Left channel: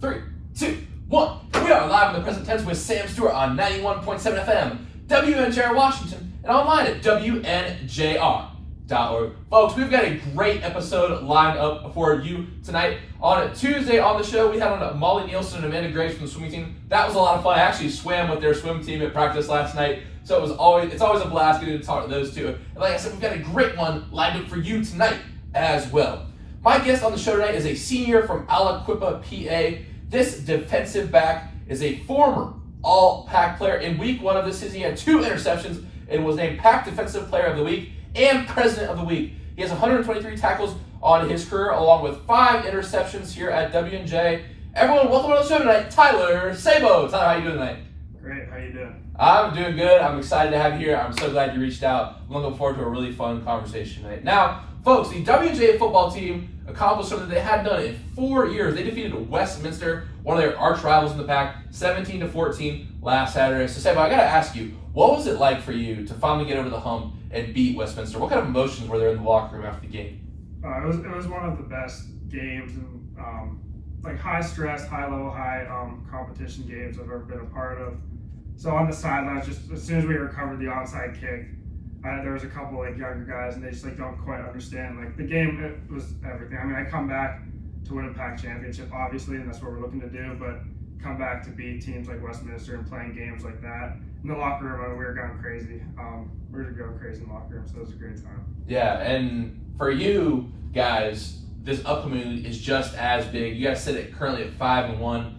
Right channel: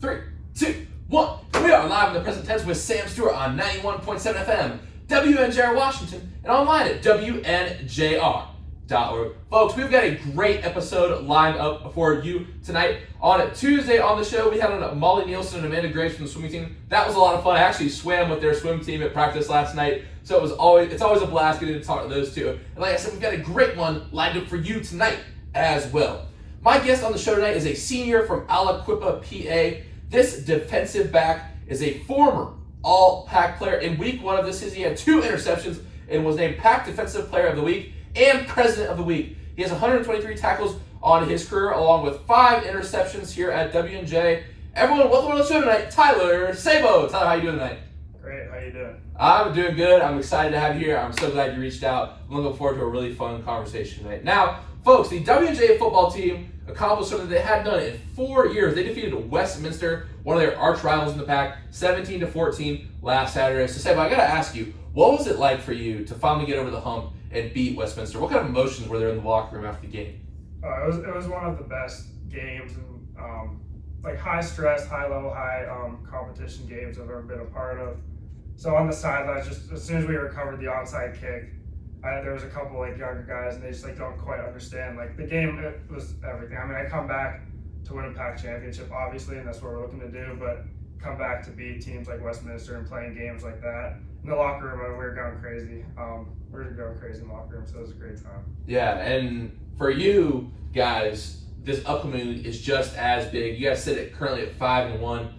3, 2, 1. We are live in the present tense with Sam Stewart on 91.7 FM, WNJR Washington, and online at WNJR.org. Folks, we've got a great episode lined up for you tonight. On Tuesday on the show, we had on Molly Nielsen and Amanda Graves from the swimming team. That was a lot of fun. I actually swam with their swim team at practice last night, so it's always a blast getting to talk to those two. And like I said, we've got a great one lined up for you tonight as well. My guest on the show tonight is a senior from Aliquippa, PA. This defensive back is a former All-PAC player. In week 1 of this season, he had 2 interceptions and was named PAC Defensive Player of the Week and President of the Week. He has 123 tackles on his career, along with 5 interceptions here at WNJ. Everyone, welcome on the show tonight, Tyler Sabo. Tyler, how you doing tonight? Great, how you doing? I'm doing good. I'm excited to have you here. I'm so glad you reached out. I'm looking forward to a really fun conversation tonight. Now, folks, the WNJ football team accomplished something they hadn't done in 4 years. They defeated Westminster, one of their arch rivals in the PAC, 17-14 last Saturday. So, Sabo, I got to ask you, what was it like for you to finally get over the hump and beat Westminster? What kind of emotions were there in the locker room after the game? It was one of the best games, like high stress, high level, high competition games I've ever been a part of. So on the sidelines, just as soon as we recovered the onside kick, there was a couple like younger guys, and they just like don't quite understand. Like the game, it was everything. I mean, I come back to win a PAC championship, obviously, and that's what we're looking to do. But come back to beat teams like Westminster and playing games like that. In the locker room, we were going crazy. We were going crazy in the locker room, so it was a great time. Yeah, and for you guys, this upcoming week is just as big. You guys sit at currently at 5-1,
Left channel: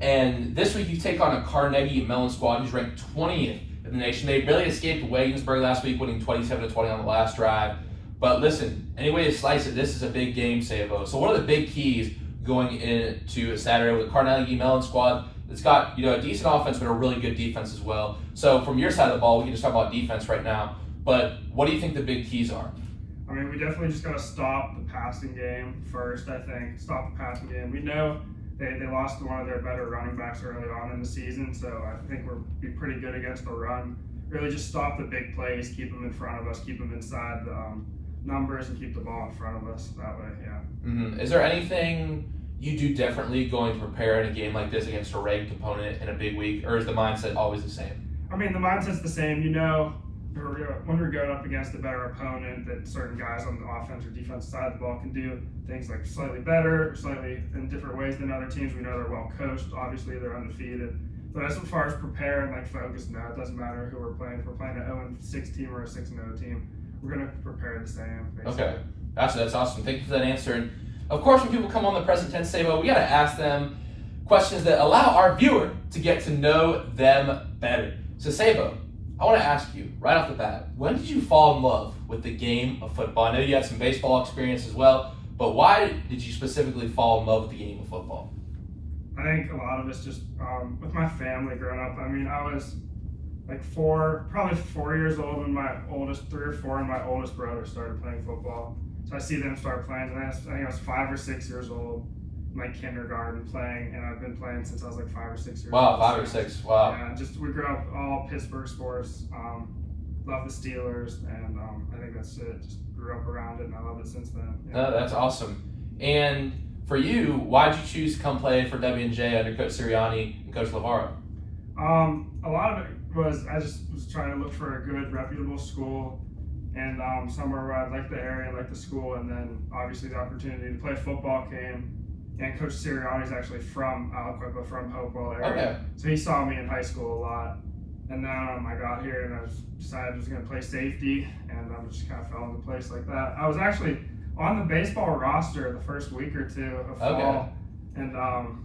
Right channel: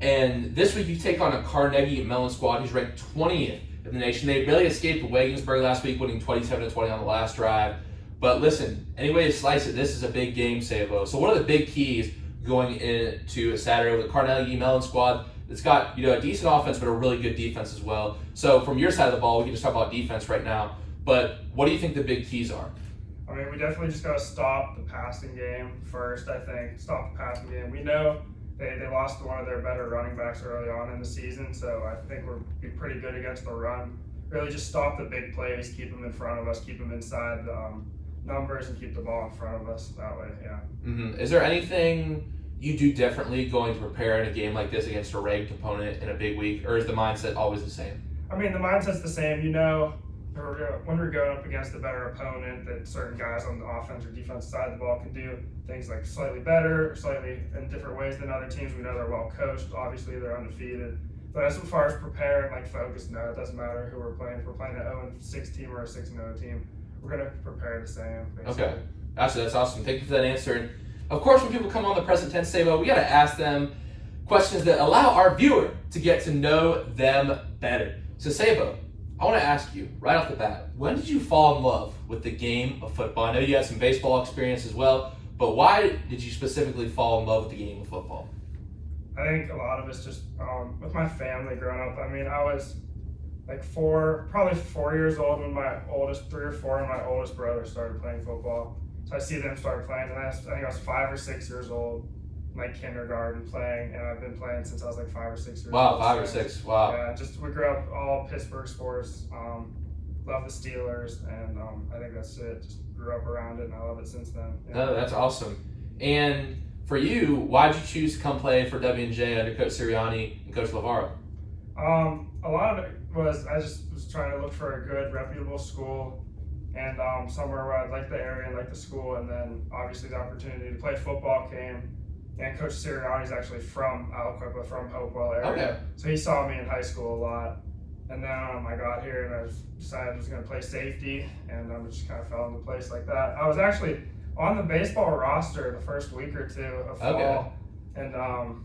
and this week you take on a Carnegie Mellon squad who's ranked 20th in the nation. They barely escaped Wagensburg last week, winning 27-20 on the last drive. But listen, any way you slice it, this is a big game, Sabo. So what are the big keys going into Saturday with the Carnegie Mellon squad? It's got a decent offense, but a really good defense as well. So from your side of the ball, we can just talk about defense right now. But what do you think the big keys are? I mean, we definitely just got to stop the passing game first, I think. Stop the passing game. We know they lost one of their better running backs early on in the season, so I think we'll be pretty good against the run. Really just stop the big plays, keep them in front of us, keep them inside the numbers, and keep the ball in front of us that way, yeah. Mm-hmm. Is there anything you do differently going to prepare in a game like this against a ranked opponent in a big week, or is the mindset always the same? I mean, the mindset's the same. When we're going up against a better opponent, that certain guys on the offense or defense side of the ball can do things like slightly better, or slightly in different ways than other teams. We know they're well coached. Obviously, they're undefeated. But as far as preparing, focus, no, it doesn't matter who we're playing. If we're playing an 0-6 team or a 6-0 team, we're going to prepare the same, basically. Okay. Gotcha. That's awesome. Thank you for that answer. And of course, when people come on the present tense, Sabo, we got to ask them questions that allow our viewer to get to know them better. So, Sabo, I want to ask you right off the bat, when did you fall in love with the game of football? I know you had some baseball experience as well, but why did you specifically fall in love with the game of football? I think a lot of it's just with my family growing up. I mean, I was like probably 4 years old when 3 or 4, and my oldest brother started playing football. So I see them start playing, and I think I was 5 or 6 years old, like kindergarten playing, and I've been playing since I was like 5 or 6 years old. Wow, 5 or 6, wow. Yeah, we grew up all Pittsburgh sports, love the Steelers, and I think that's it. Just grew up around it, and I love it since then. Yeah. No, that's awesome. And for you, why did you choose to come play for WNJ under Coach Sirianni and Coach Lavaro? A lot of it was I just was trying to look for a good, reputable school, and somewhere where I liked the area, liked the school, and then obviously the opportunity to play football came. And Coach Sirianni is actually from Aliquippa, from Hopewell area. Okay. So he saw me in high school a lot. And then I got here and I decided I was going to play safety, and just kind of fell into place like that. I was actually on the baseball roster the first week or 2 of fall. Okay. And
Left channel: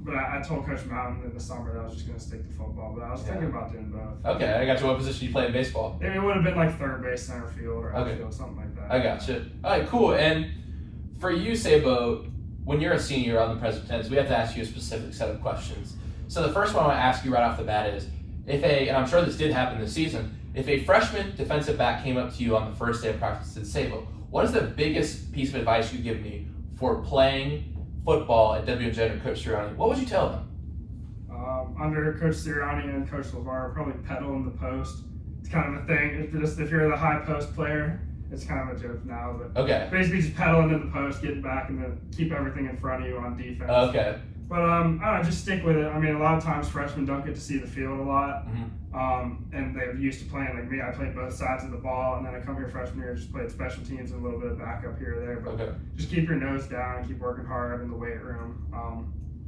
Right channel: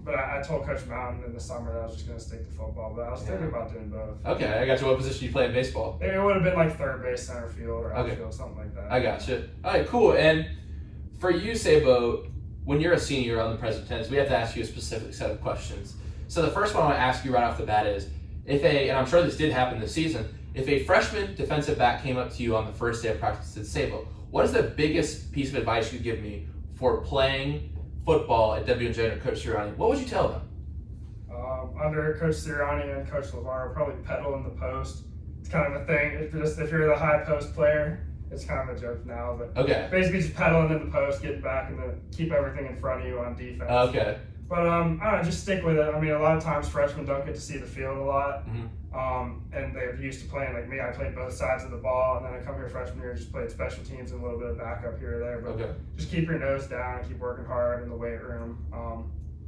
but I told Coach Mountain in the summer that I was just going to stick to football, but I was thinking about doing both. Okay, I got you. What position you play in baseball? It would have been like third base, center field, or outfield, something like that. I got you. All right, cool. And for you, Sabo, when you're a senior on the present tense, we have to ask you a specific set of questions. So the first one I want to ask you right off the bat is, and I'm sure this did happen this season, if a freshman defensive back came up to you on the first day of practice and said, Sabo, what is the biggest piece of advice you give me for playing football at WNJ under Coach Sirianni? What would you tell them? Under Coach Sirianni and Coach Lavaro, probably pedal in the post. It's kind of a thing. If you're the high post player, it's kind of a joke now, but okay. Basically just pedaling in the post, getting back, and then keep everything in front of you on defense. Okay. But I don't know, just stick with it. I mean, a lot of times freshmen don't get to see the field a lot, and they're used to playing like me. I played both sides of the ball, and then I come here freshman year, just played special teams and a little bit of backup here or there. But just keep your nose down and keep working hard in the weight room,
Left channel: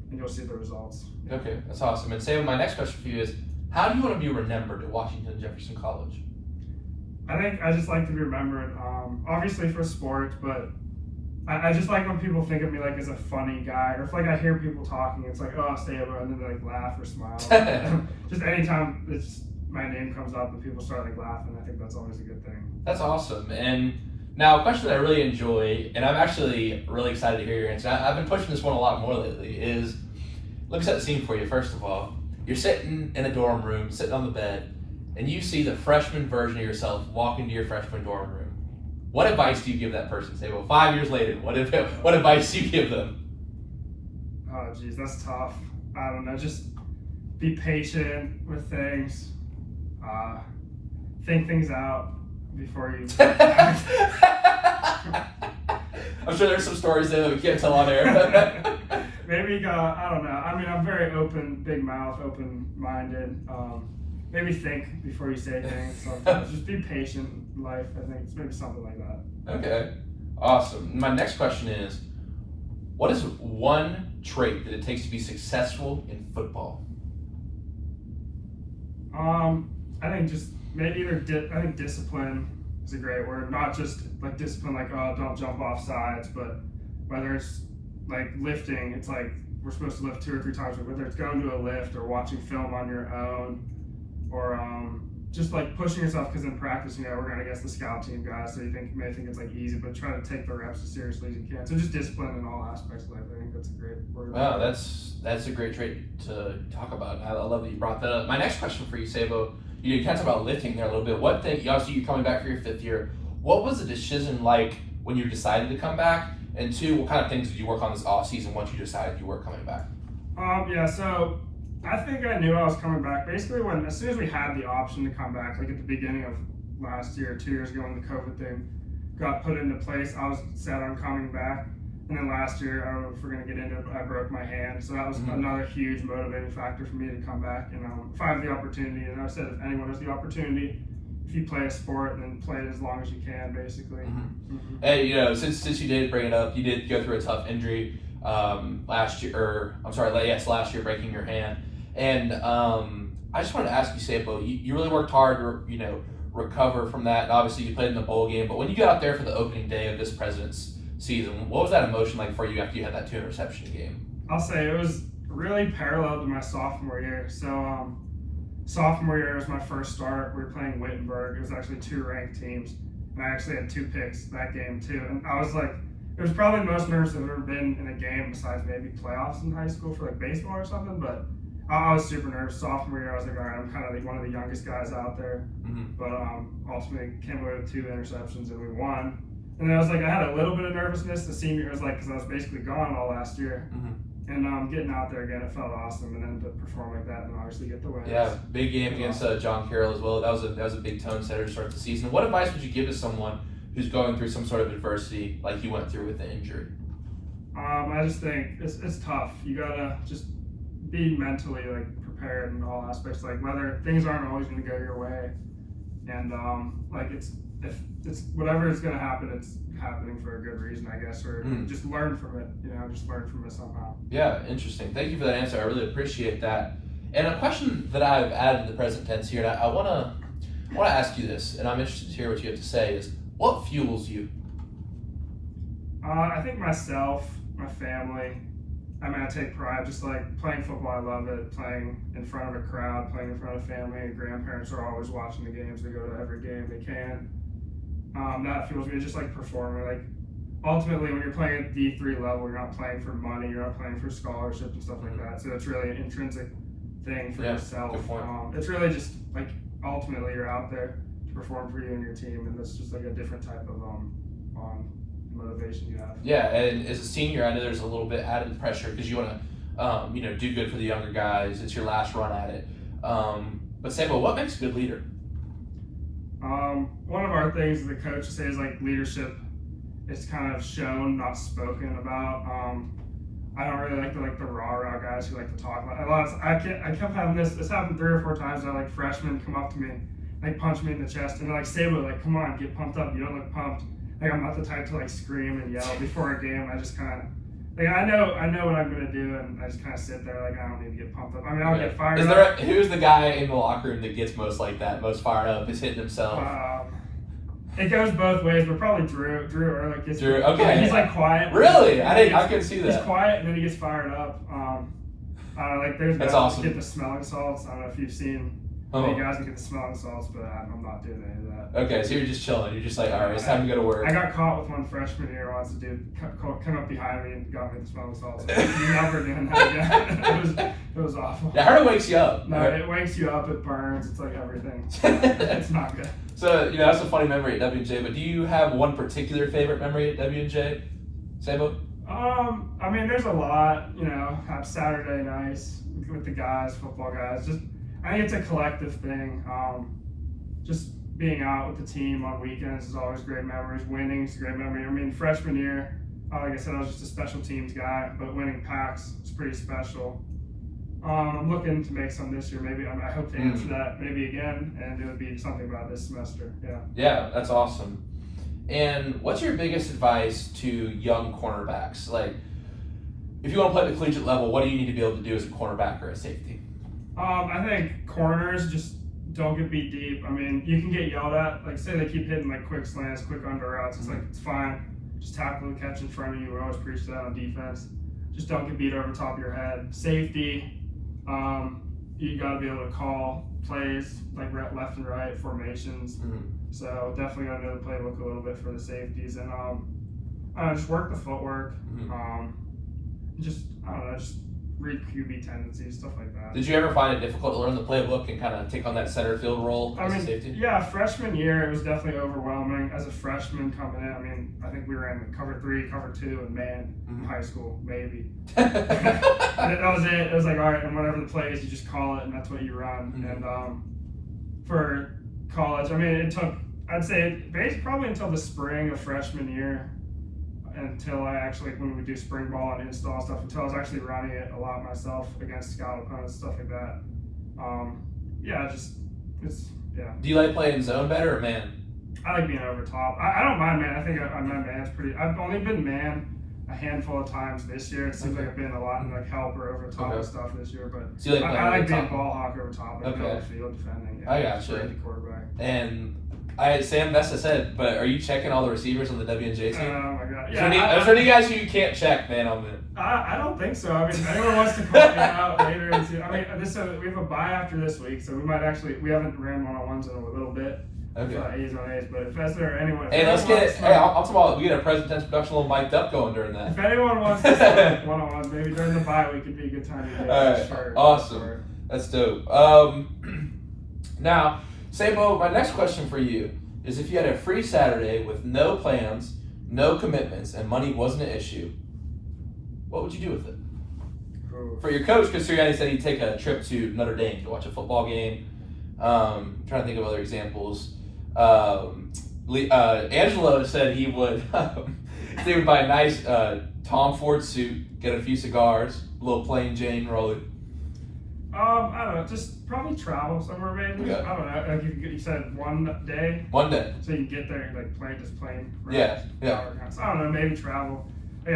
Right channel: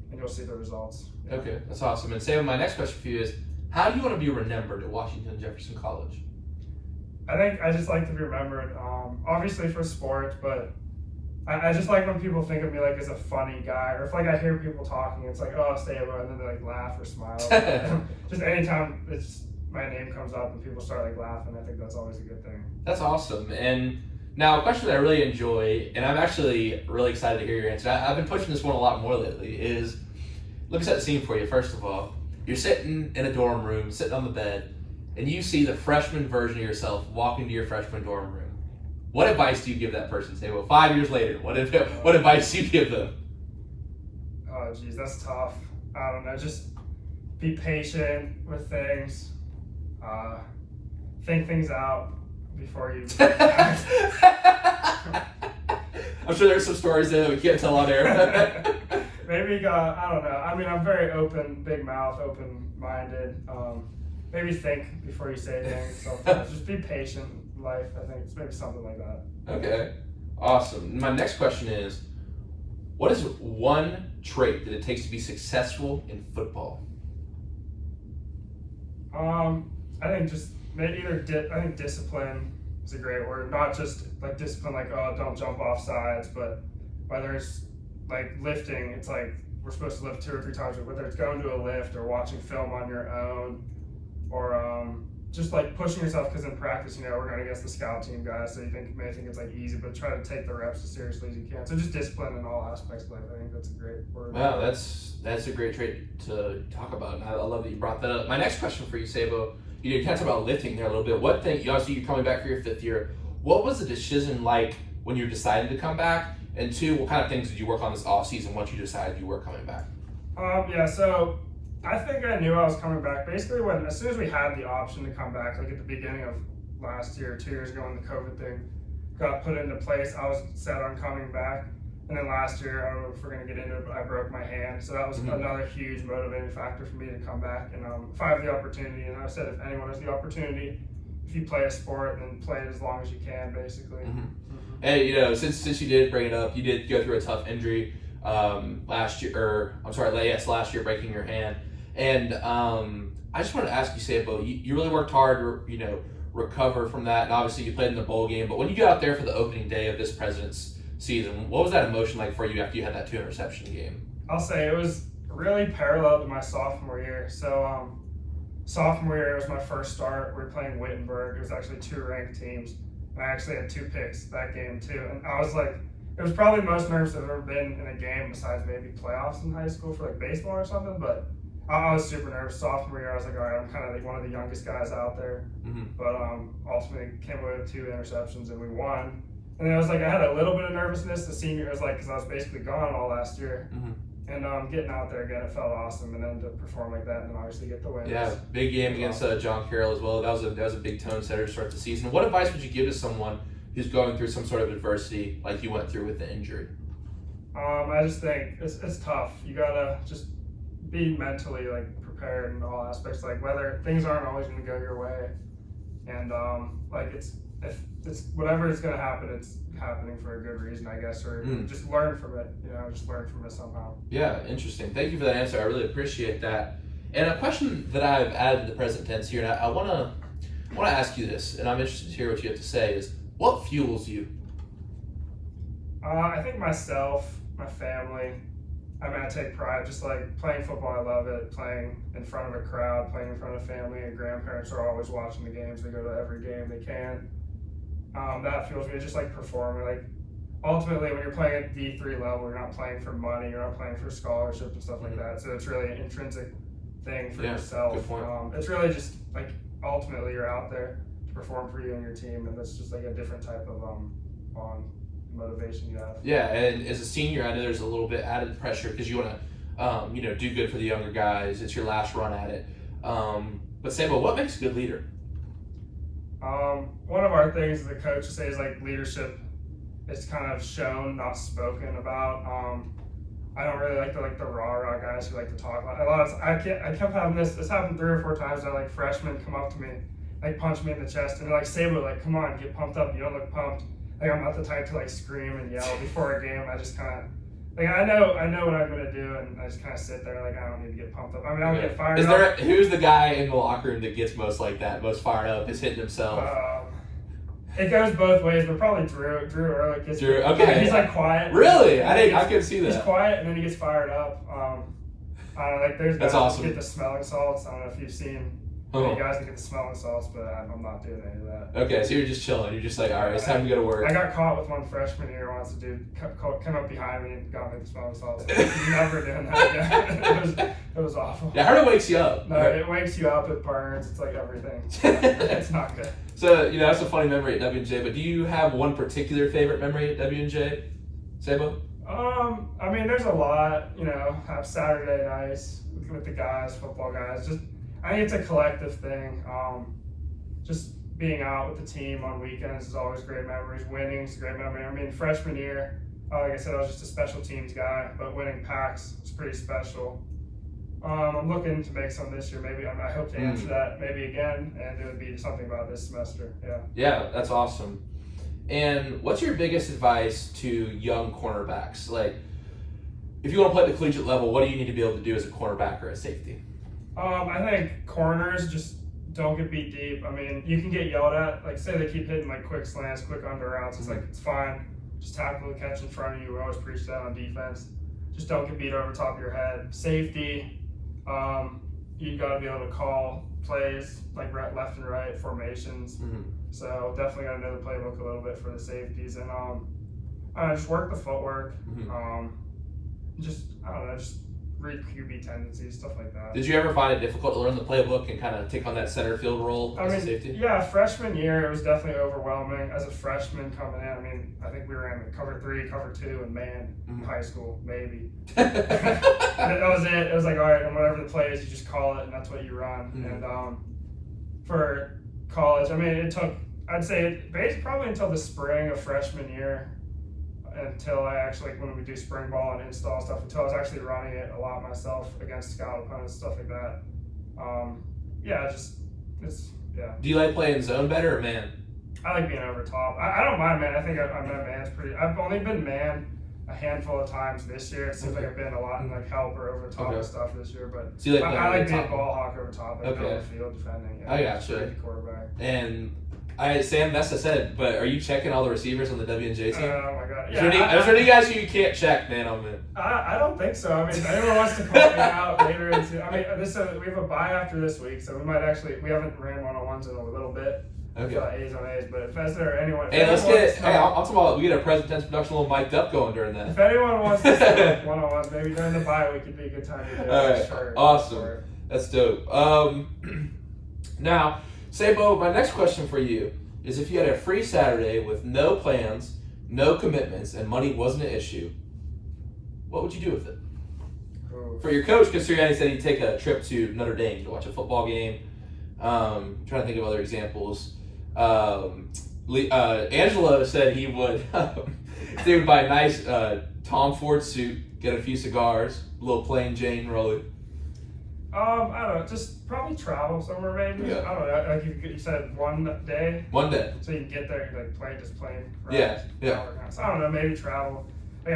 and you'll see the results. Okay, that's awesome. And Sam, my next question for you is, how do you want to be remembered at Washington Jefferson College? I think I just like to be remembered, obviously for sports, but I just like when people think of me like as a funny guy, or if like I hear people talking, it's like, oh, Sabo, and then they like laugh or smile. Just anytime my name comes up and people start like laughing, I think that's always a good thing. That's awesome. And now a question that I really enjoy, and I'm actually really excited to hear your answer. I've been pushing this one a lot more lately, is, let me set the scene for you. First of all, you're sitting in a dorm room, sitting on the bed, and you see the freshman version of yourself walk into your freshman dorm room. What advice do you give that person? Say, well, 5 years later, what advice do you give them? Oh, geez, that's tough. I don't know. Just be patient with things. Think things out before you. I'm sure there's some stories there that we can't tell on air. Maybe I don't know. I mean, I'm very open, big mouth, open-minded. Maybe think before you say things. So just be patient in life, I think. It's maybe something like that. Okay. Awesome. My next question is, what is one trait that it takes to be successful in football? I think just maybe I think discipline is a great word. Not just like discipline, like, oh, don't jump off sides, but whether it's like lifting, it's like we're supposed to lift 2 or 3 times, whether it's going to a lift or watching film on your own, or just like pushing yourself, because in practice, we're going against the scout team guys, so you may think it's like easy, but try to take the reps as seriously as you can. So just discipline in all aspects of life. I think that's a great word. Wow, that's a great trait to talk about. I love that you brought that up. My next question for you, Sabo, you talked about lifting there a little bit. Obviously you're coming back for your 5th year. What was the decision like when you decided to come back? And 2, what kind of things did you work on this off season once you decided you were coming back? So I think I knew I was coming back basically as soon as we had the option to come back, like at the beginning of last year, 2 years ago when the COVID thing got put into place, I was set on coming back. And then last year, I don't know if we're going to get into it, but I broke my hand. So that was another huge motivating factor for me to come back. And if I have the opportunity, and I said if anyone has the opportunity, if you play a sport, then play it as long as you can, basically. Hey, since you did bring it up, you did go through a tough injury last year, last year, breaking your hand. And I just wanted to ask you, Sabo, you really worked hard to, recover from that. And obviously, you played in the bowl game. But when you got out there for the opening day of this President's season, what was that emotion like for you after you had that 2 interception game? I'll say it was really parallel to my sophomore year. So sophomore year was my first start. We were playing Wittenberg. It was actually 2 ranked teams, and I actually had 2 picks that game too. And I was like, it was probably the most nervous I've ever been in a game besides maybe playoffs in high school for like baseball or something. But I was super nervous. Sophomore year, I was like, all right, I'm kind of like one of the youngest guys out there. But ultimately came away with 2 interceptions and we won. And then I was like, I had a little bit of nervousness. The senior was like, because I was basically gone all last year. And getting out there again, it felt awesome. And then to perform like that and then obviously get the win. Yeah, big game against John Carroll as well. That was a big tone setter to start the season. What advice would you give to someone who's going through some sort of adversity like you went through with the injury? I just think it's tough. You gotta just be mentally like prepared in all aspects. Like whether things aren't always going to go your way, and it's whatever is going to happen, it's happening for a good reason, I guess, or just learn from it. Just learn from it somehow. Yeah, interesting. Thank you for that answer. I really appreciate that. And a question that I've added to the present tense here, and I want to ask you this, and I'm interested to hear what you have to say, is what fuels you? I think myself, my family. I mean, I take pride, just like playing football, I love it. Playing in front of a crowd, playing in front of family and grandparents are always watching the games. They go to every game they can. That fuels me, just like performing. Like ultimately, when you're playing at D3 level, you're not playing for money, you're not playing for scholarships and stuff like that. So it's really an intrinsic thing for yourself. Good point. It's really just like ultimately you're out there to perform for you and your team, and it's just like a different type of motivation you have. Yeah, and as a senior, I know there's a little bit added pressure because you want to, do good for the younger guys. It's your last run at it. But Sabo, what makes a good leader? One of our things that the coach says, like leadership, it's kind of shown, not spoken about. I don't really like the rah guys who like to talk a lot. I kept having this happened 3 or 4 times that like freshmen come up to me, like punch me in the chest, and they're like, Sabo, like, come on, get pumped up. You don't look pumped. Like, I'm not the type to like scream and yell before a game. I just kind of like I know what I'm gonna do, and I just kind of sit there like I don't need to get pumped up. I mean, I'll get fired up. Who's the guy in the locker room that gets most like that, most fired up, is hitting himself? It goes both ways, but probably Drew or like Drew. Okay. He's like quiet. Really? I couldn't see that. He's quiet and then he gets fired up. I don't know, like there's guys awesome. that get the smelling salts. I don't know if you've seen any guys that get the smelling salts, but I'm not doing any of that. Okay, so you're just chilling. You're just like, all right, it's time to go to work. I got caught with one freshman here once. A dude come up behind me and got me the smelling salts. Never doing that again. It was awful. I heard it wakes you up. No, it wakes you up. It burns. It's like everything. It's not good. So, that's a funny memory at W&J, but do you have one particular favorite memory at W&J, Sabo? I mean, there's a lot, have Saturday nights with the guys, football guys. I think it's a collective thing. Just being out with the team on weekends is always great memories. Winning is a great memory. I mean, freshman year, like I said, I was just a special teams guy, but winning packs is pretty special. I'm looking to make some this year. Maybe I hope to answer that maybe again, and it would be something about this semester. Yeah. Yeah, that's awesome. And what's your biggest advice to young cornerbacks? Like, if you want to play at the collegiate level, what do you need to be able to do as a cornerback or a safety? I think corners just don't get beat deep. I mean, you can get yelled at. Like, say they keep hitting like quick slants, quick under routes. It's like, it's fine. Just tackle the catch in front of you. We always preach that on defense. Just don't get beat over the top of your head. Safety. You got to be able to call plays like left and right formations. So definitely got to know the playbook a little bit for the safeties, and just work the footwork. Just read QB tendencies, stuff like that. Did you ever find it difficult to learn the playbook and kind of take on that center field role as a safety? Yeah, freshman year it was definitely overwhelming. As a freshman coming in, I think we ran cover 3, cover 2, and man in high school, maybe. That was it. It was like, all right, and whatever the play is, you just call it, and that's what you run. And for college, it took, I'd say, probably until the spring of freshman year, until I actually, when we do spring ball and install stuff, until I was actually running it a lot myself against scout opponents, stuff like that. Do you like playing zone better or man? I like being over top. I don't mind man. I think I'm man's pretty. I've only been man a handful of times this year. It seems like I've been a lot in like help or over top of stuff this year, but so I like being ball hawk over top, like middle of the field defending. Yeah, I got you. The quarterback. And Sam Vesta said, but are you checking all the receivers on the W&J team? Oh my god! Yeah, is there any guys who you can't check, man, on them? I don't think so. I mean, if anyone wants to call me out later, we have a bye after this week, so we haven't ran one-on-ones in a little bit. Okay. A's on A's, but if there anyone, hey, let's get. Hey, I'll talk about we get a present tense production a little mic'd up going during that. If anyone wants to start one-on-ones, maybe during the bye week could be a good time to do all right, sure. Awesome. That's dope. Now, Sabo, my next question for you is: if you had a free Saturday with no plans, no commitments, and money wasn't an issue, what would you do with it? For your coach, because Sirianni said he'd take a trip to Notre Dame to watch a football game. Trying to think of other examples. Angelo said he would buy a nice Tom Ford suit, get a few cigars, a little plain Jane rolling. I don't know, just probably travel somewhere maybe. Okay. I don't know, like you said one day. One day. So you get there and like plane. Right? Yeah. So I don't know, maybe travel. We're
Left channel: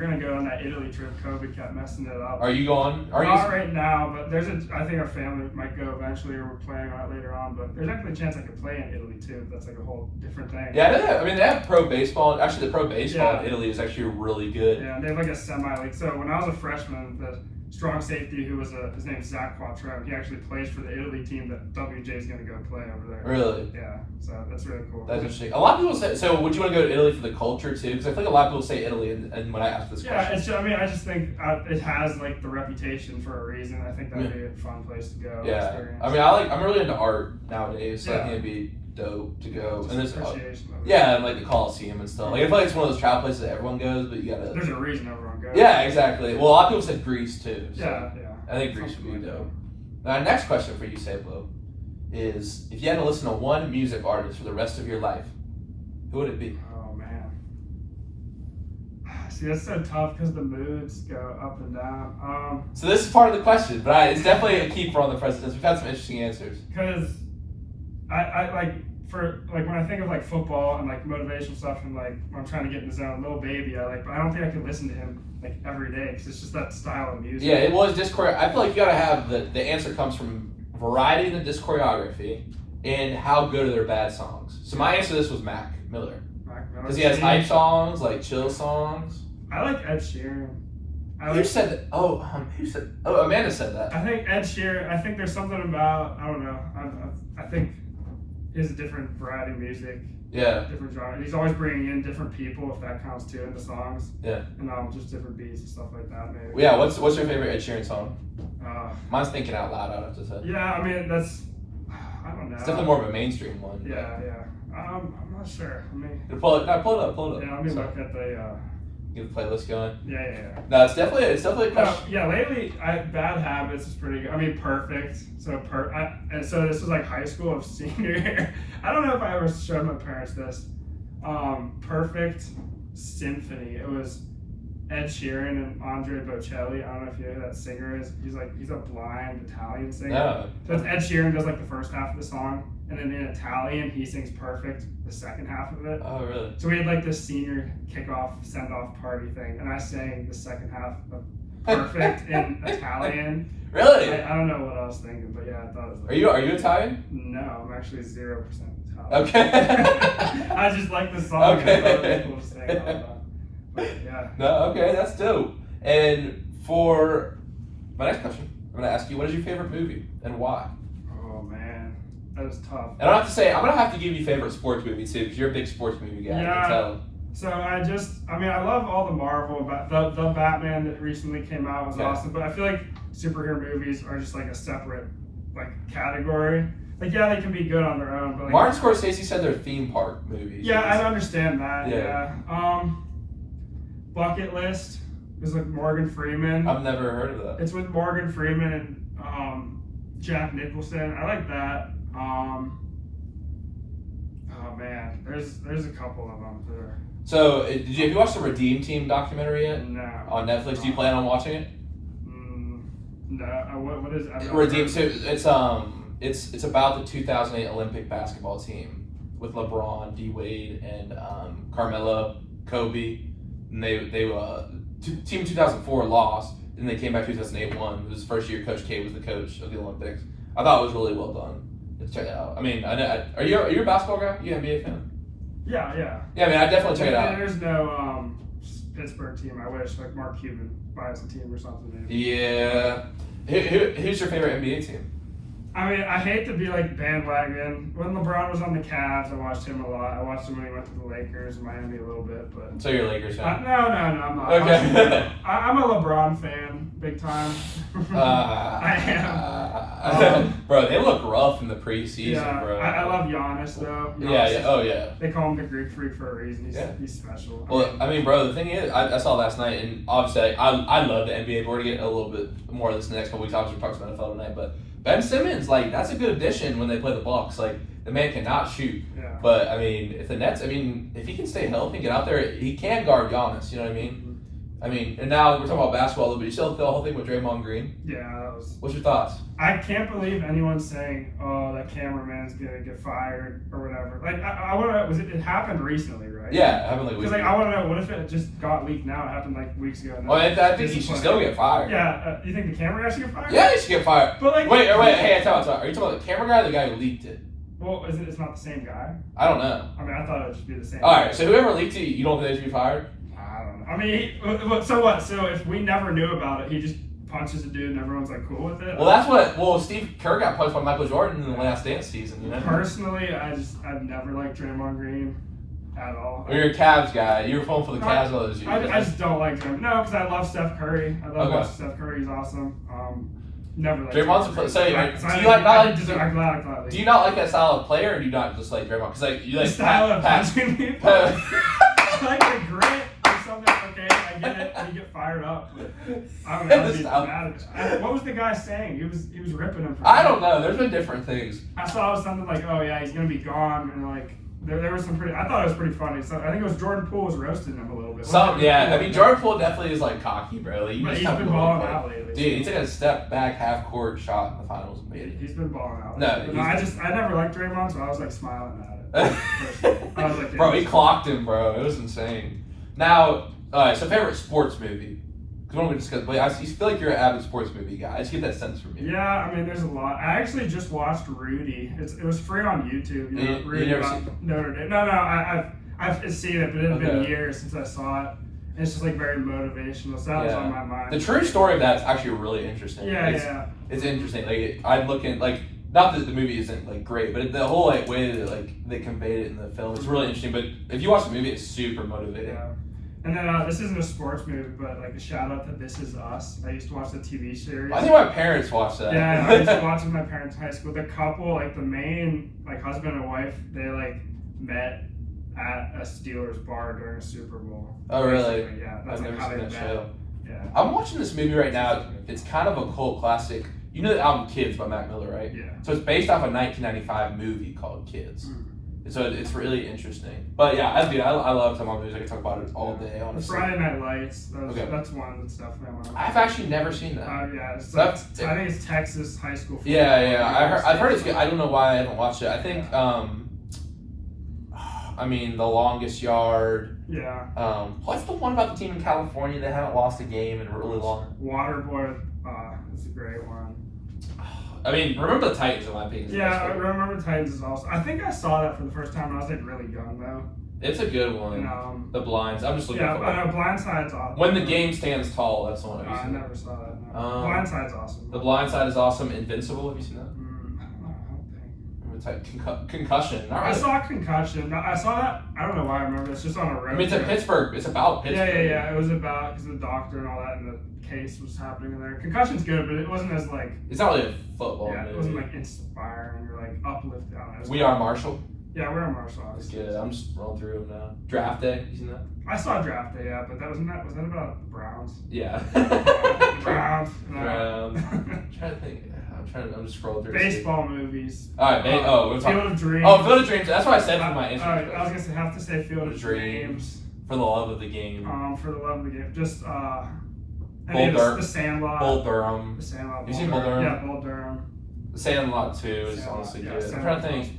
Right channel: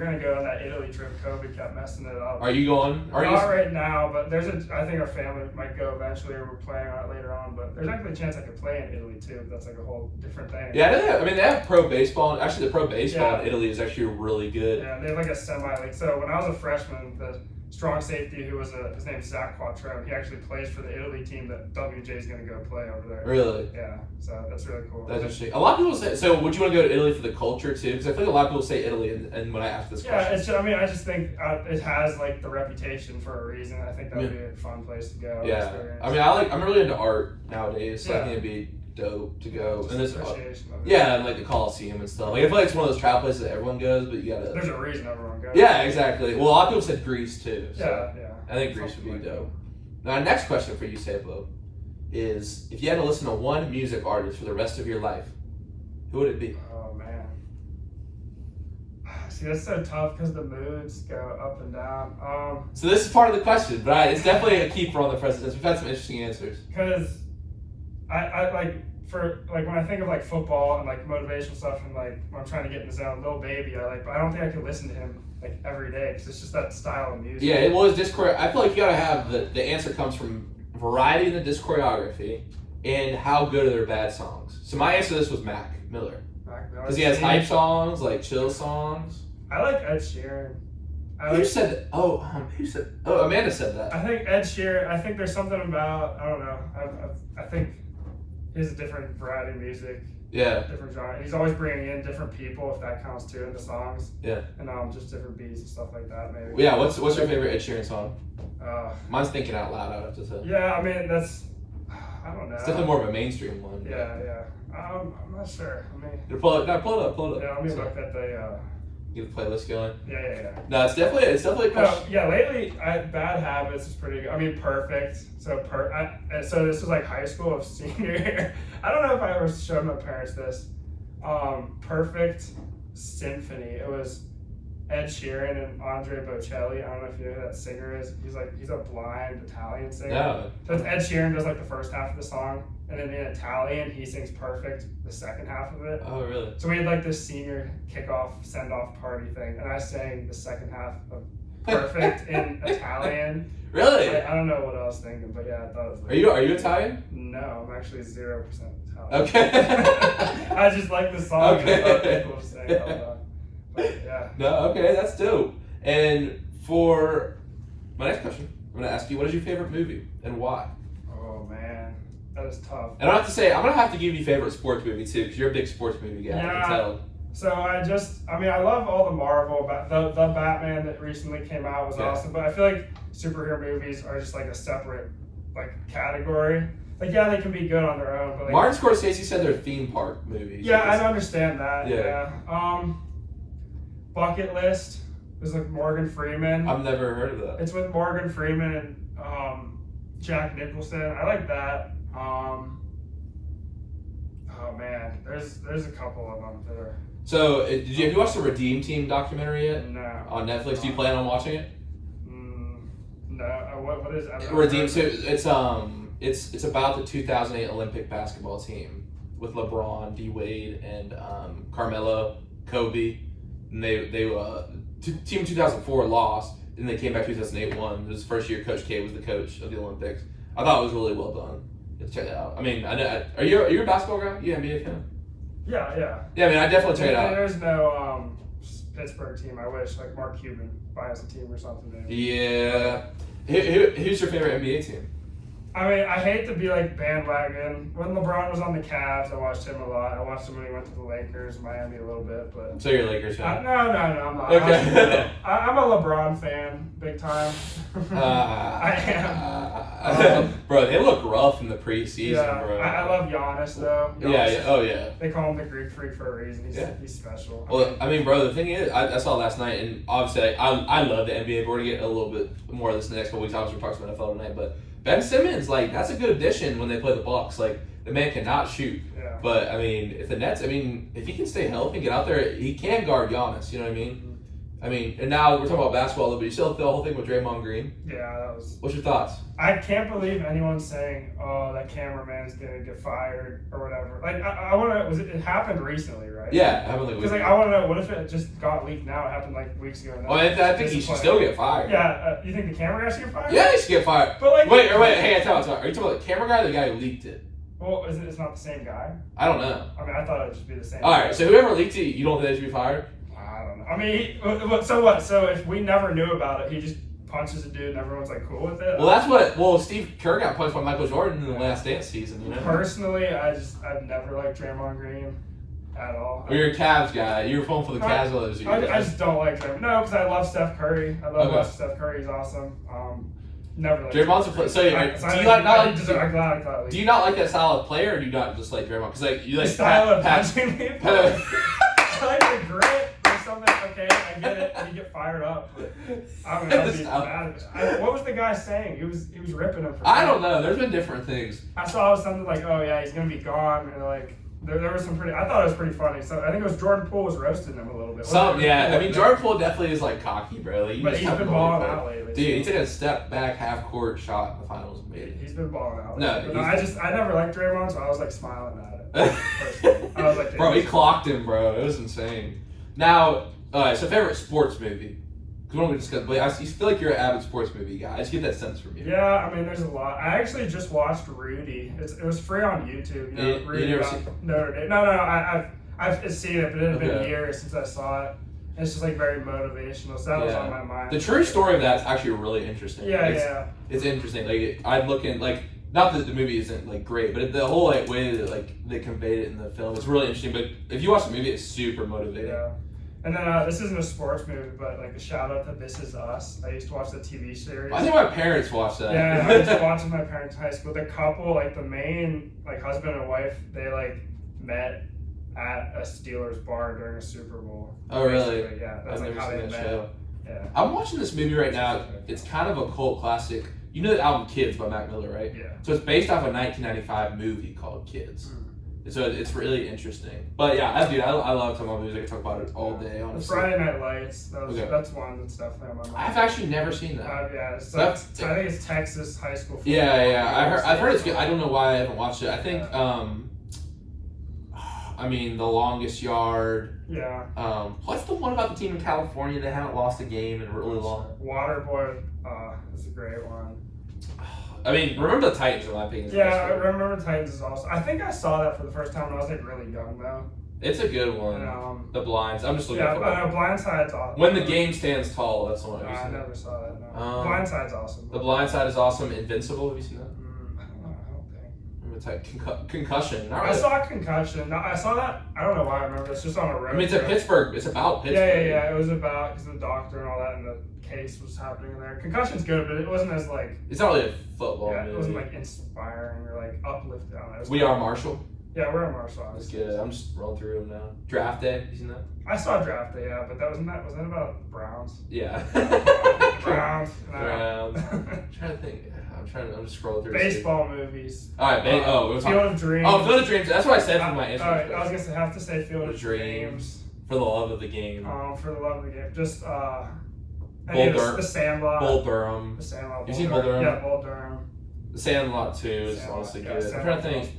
going to go on that Italy trip. COVID kept messing it up. Are you going? Not right now, but I think our family might go eventually, or we're planning on it later on. But there's actually a chance I could play in Italy too. That's like a whole different thing. Yeah, they have pro baseball. Actually, the pro baseball in Italy is actually really good. Yeah, and they have like a semi-league. So when I was a freshman, the strong safety who was his name's Zach Quattrone, he actually plays for the Italy team that WJ is going to go play over there. Really? Yeah, so that's really cool. That's interesting. A lot of people say, so would you want to go to Italy for the culture too? Because I feel like a lot of people say Italy, and when I ask this question. I just think it has like the reputation for a reason. I think that'd be a fun place to go. Yeah, experience. I'm really into art nowadays, so I think it'd be dope to go. And there's like the Coliseum and stuff. Like I feel like it's one of those travel places that everyone goes, but you gotta. There's a reason everyone goes. Yeah, exactly. Well, a lot of people said Greece too. So yeah. I think Greece would be dope. Now, next question for you, Sabo, is if you had to listen to one music artist for the rest of your life, who would it be? Oh man. See, that's so tough because the moods go up and down. So this is part of the question, but it's definitely a keeper on the presidents. We've had some interesting answers. Because I like when I think of like football and like motivational stuff and like when I'm trying to get in the zone, Lil Baby, but I don't think I can listen to him like every day because it's just that style of music. Yeah, it was disc choreo. I feel like you gotta have the answer comes from variety in the disc choreography and how good are their bad songs. So my answer to this was Mac Miller. Because he has hype songs, like chill songs. I like Ed Sheeran. Who said that? Amanda said that. I think Ed Sheeran, I think there's something about, I don't know, I think his different variety of music. Yeah. Different genre. And he's always bringing in different people, if that counts too, in the songs. Yeah. And just different beats and stuff like that, maybe. Yeah, what's your favorite Ed Sheeran song? Mine's Thinking Out Loud, I would have to say. Yeah, I mean, I don't know. It's definitely more of a mainstream one. Yeah. I'm not sure. Pull it up. Yeah, let me look at the. Get the playlist going. Yeah. No, it's definitely a question. Yeah, lately, Bad Habits is pretty good. Perfect. So so this was like high school of senior year. I don't know if I ever showed my parents this. Perfect Symphony. It was Ed Sheeran and Andre Bocelli. I don't know if you know who that singer is. He's a blind Italian singer. Yeah. So it's Ed Sheeran does like the first half of the song, and then in Italian he sings Perfect the second half of it. Oh, really? So we had like this senior kickoff send-off party thing, and I sang the second half of Perfect in Italian. Really? I don't know what I was thinking, but yeah, I thought it was. Are you Italian? No, I'm actually 0% Italian. Okay. I just like the song. Okay. And I thought people were saying all that. But yeah. No, okay, that's dope. And for my next question, I'm gonna ask you, what is your favorite movie and why? Oh man, that is tough. And I have to say, I'm gonna have to give you favorite sports movie too, because you're a big sports movie guy. Yeah. I can tell. So I love all the Marvel, but the Batman that recently came out was awesome. But I feel like superhero movies are just like a separate like category. Like they can be good on their own, but like Martin Scorsese said they're theme park movies. Yeah, I understand that. Yeah. Bucket List is like Morgan Freeman. I've never heard of that. It's with Morgan Freeman and Jack Nicholson. I like that. Oh man, there's a couple of them that are. So, have you watched the Redeem Team documentary yet? No. On Netflix, do you plan on watching it? No. What is it? Redeem. It's about the 2008 Olympic basketball team with LeBron, D Wade, and Carmelo, Kobe. And they team 2004 lost, and they came back 2008 won. It was the first year Coach K was the coach of the Olympics. I thought it was really well done. Let's check it out. I mean, are you a basketball guy? You an NBA fan? Yeah. Yeah, I mean, I definitely check it out. There's no Pittsburgh team. I wish like Mark Cuban buys a team or something. Maybe. Yeah. Who's your favorite NBA team? I mean, I hate to be like bandwagon. When LeBron was on the Cavs, I watched him a lot. I watched him when he went to the Lakers, Miami a little bit, but. So you're a Lakers fan? No, I'm not. Okay. I'm a LeBron fan, big time. I am. Bro, they look rough in the preseason, bro. I love Giannis though. Yeah. They call him the Greek Freak for a reason. He's special. Well, I mean, bro, the thing is, I saw last night, and obviously, I love the NBA. We're gonna get a little bit more of this in the next couple weeks. Obviously, we talked about NFL tonight, but Ben Simmons, like, that's a good addition when they play the Bucks. Like, the man cannot shoot. Yeah. But, I mean, if the Nets, if he can stay healthy and get out there, he can guard Giannis, you know what I mean? Mm-hmm. I mean, and now we're talking about basketball, but you still feel the whole thing with Draymond Green? Yeah. What's your thoughts? I can't believe anyone's saying, "Oh, that cameraman is gonna get fired" or whatever. Like, I want to know. It happened recently, right? Yeah, it happened like weeks ago. Because I want to know, what if it just got leaked now? It happened like weeks ago. Well, I think he should still get fired. Yeah. You think the camera guy should get fired? Yeah, he should get fired. But like, wait. Hey, tell me. Are you talking about the camera guy or the guy who leaked it? Well, it's not the same guy. I don't know. I mean, I thought it would just be the same. All right. So whoever leaked it, you don't think they should be fired? I don't know. I mean, so what? So if we never knew about it, he just punches a dude and everyone's like cool with it. Well, Steve Kerr got punched by Michael Jordan in the Last Dance season. You know? Personally, I've never liked Draymond Green at all. You're a Cavs guy. You were pulling for the Cavs all those years. I just don't like him. No, because I love Steph Curry. I love watching Steph Curry. He's awesome. Never liked Draymond's a player. So do you not like that style of player, or do you not just like Draymond? Because you like the style of punching people. I like the grit or something. Okay, I get it. We get fired up. But I don't know. I'd be mad at it. What was the guy saying? He was ripping him. I don't know. There's been different things. I saw something like, "Oh yeah, he's gonna be gone," and like there was some pretty. I thought it was pretty funny. So I think it was Jordan Poole was roasting him a little bit. I mean, Jordan Poole definitely is like cocky, bro. Like, but he's been balling out lately. Dude, he took a step back half court shot in the finals and made it. He's been balling out. No, I never liked Draymond, so I was like smiling at it. I was like, bro, he clocked him, bro. It was insane. Now, so favorite sports movie. Because when we discussed, I feel like you're an avid sports movie guy. I just get that sense from you. Yeah, I mean, there's a lot. I actually just watched Rudy. It was free on YouTube. You know, Rudy never about seen Notre Dame. No, I've seen it, but it had been years since I saw it. And it's just like very motivational. So that was on my mind. The true story of that's actually really interesting. It's interesting. Like I'm looking like. Not that the movie isn't like great, but the whole like way that like they conveyed it in the film is really interesting. But if you watch the movie, it's super motivating. Yeah. And then this isn't a sports movie, but like a shout out to This Is Us. I used to watch the TV series. I think my parents watched that. Yeah, I used to watch with my parents in high school. The couple, like the main like husband and wife, they like met at a Steelers bar during a Super Bowl. Oh really? Basically. Yeah, that's like how they met. Show. Yeah. I'm watching this movie right now. It's kind of a cult classic. You know the album Kids by Mac Miller, right? Yeah. So it's based off a 1995 movie called Kids. Mm-hmm. So it's really interesting. But yeah, I love talking about movies. I can talk about it all day, honestly. Friday Night Lights. That's one that's definitely on my mind. I've actually never seen that. Yeah, it's like, I think it's Texas high school football. Yeah. I've heard it's good. I don't know why I haven't watched it. I think, I mean, The Longest Yard. Yeah. What's the one about the team in California that haven't lost a game in really long? Waterboy. That's a great one. I mean, Remember the Titans, in my opinion. Yeah, I Remember the Titans is awesome. I think I saw that for the first time when I was like really young though. It's a good one. And, The Blinds. I'm just looking at it. Yeah, I know Blindside's awesome. When the Game Stands Tall, that's the one. I never saw that. No. Blindside's awesome. The Blind Side is awesome. Invincible, have you seen that? I don't think. Concussion. I saw Concussion. I saw that. I don't know why I remember. It's just on a road. I mean, it's in Pittsburgh. It's about Pittsburgh. Yeah. It was about because the doctor and all that and the case was happening in there. Concussion's good, but it wasn't as like. It's not really a football movie. It wasn't like inspiring or like uplifting. I don't know. We Are Marshall. Yeah, We Are Marshall. It's good. I'm just rolling through them now. Draft Day. You seen that? I saw Draft Day, yeah, but was that about the Browns? Yeah. Browns. I'm trying to think. I'm just scrolling through. Baseball movies. All right, Field of Dreams. Oh, Field of Dreams. That's what I said for my answer. All right, I was gonna have to say Field of Dreams. For the love of the game. For the love of the game. Just The Sandlot. Bull Durham. The Sandlot. You seen Bull Durham? Yeah, Bull Durham. The Sandlot too is honestly good. I'm Sandlot. trying to think.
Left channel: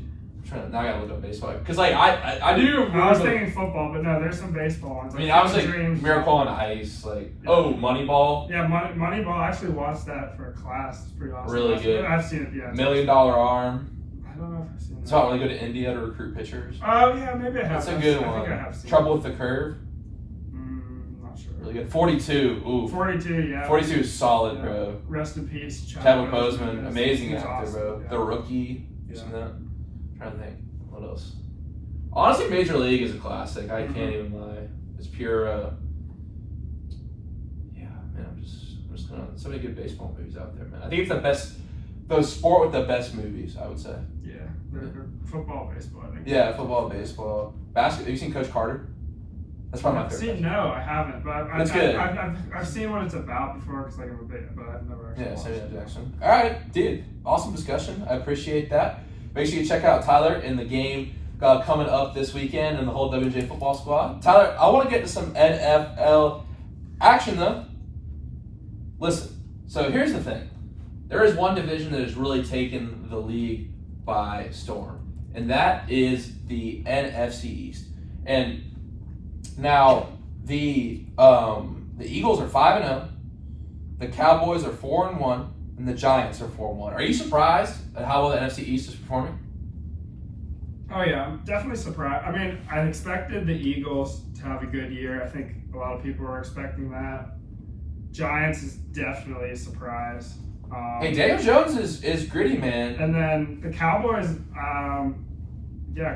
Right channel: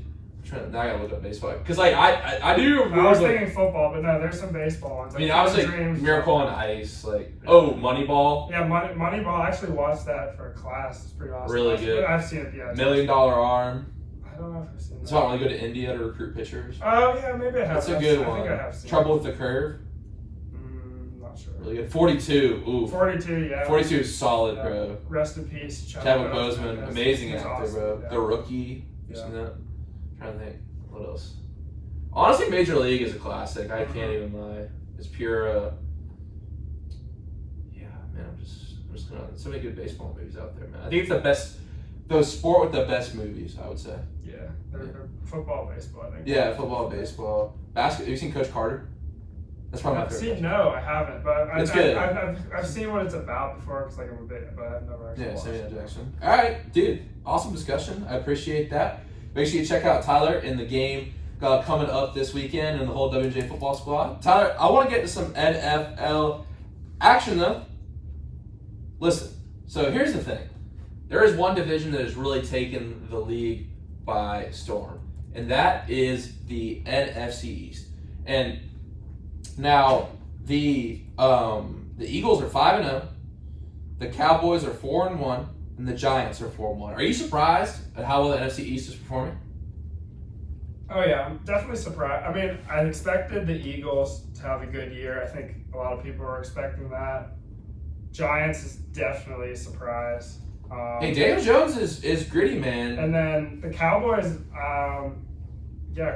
Now I gotta look up baseball because like I do. I was thinking football, but no, there's some baseball ones. I mean, I was like Miracle on Ice, like Moneyball. Yeah, Moneyball. I actually watched that for a class. It's pretty awesome. Really good. I've seen it. Yeah. $1 Million Arm. I don't know if I've seen that. It's not really good to India to recruit pitchers. Oh yeah, maybe I have. It's a good one. I think I have seen Trouble with the Curve. I'm not sure. Really good. 42. Ooh. 42. Yeah. 42 is solid, bro. Rest in peace, Chadwick Boseman. Amazing actor, awesome, bro. Yeah. The Rookie. You seen that? I'm trying to think. What else? Honestly, Major League is a classic. I can't even lie. It's pure. Yeah, man. I'm just gonna. So many good baseball movies out there, man. I think it's the best. The sport with the best movies, I would say. Yeah, they're football, baseball. I think. Yeah, football, baseball, basketball. Have you seen Coach Carter? That's probably my favorite. No, I haven't. But It's good. I've seen what it's about before because like I'm a bit, but I've never actually. Yeah, watched Samuel it. Jackson. All right, dude. Awesome discussion. I appreciate that. Make sure you check out Tyler in the game coming up this weekend and the whole WJ football squad. Tyler, I want to get to some NFL action though. Listen, so here's the thing. There is one division that has really taken the league by storm, and that is the NFC East. And now the Eagles are 5-0, the Cowboys are 4-1, and the Giants are 4-1. Are you surprised at how well the NFC East is performing? Oh yeah, I'm definitely surprised. I mean, I expected the Eagles to have a good year. I think a lot of people were expecting that. Giants is definitely a surprise. Hey, Daniel Jones is gritty, man. And then the Cowboys,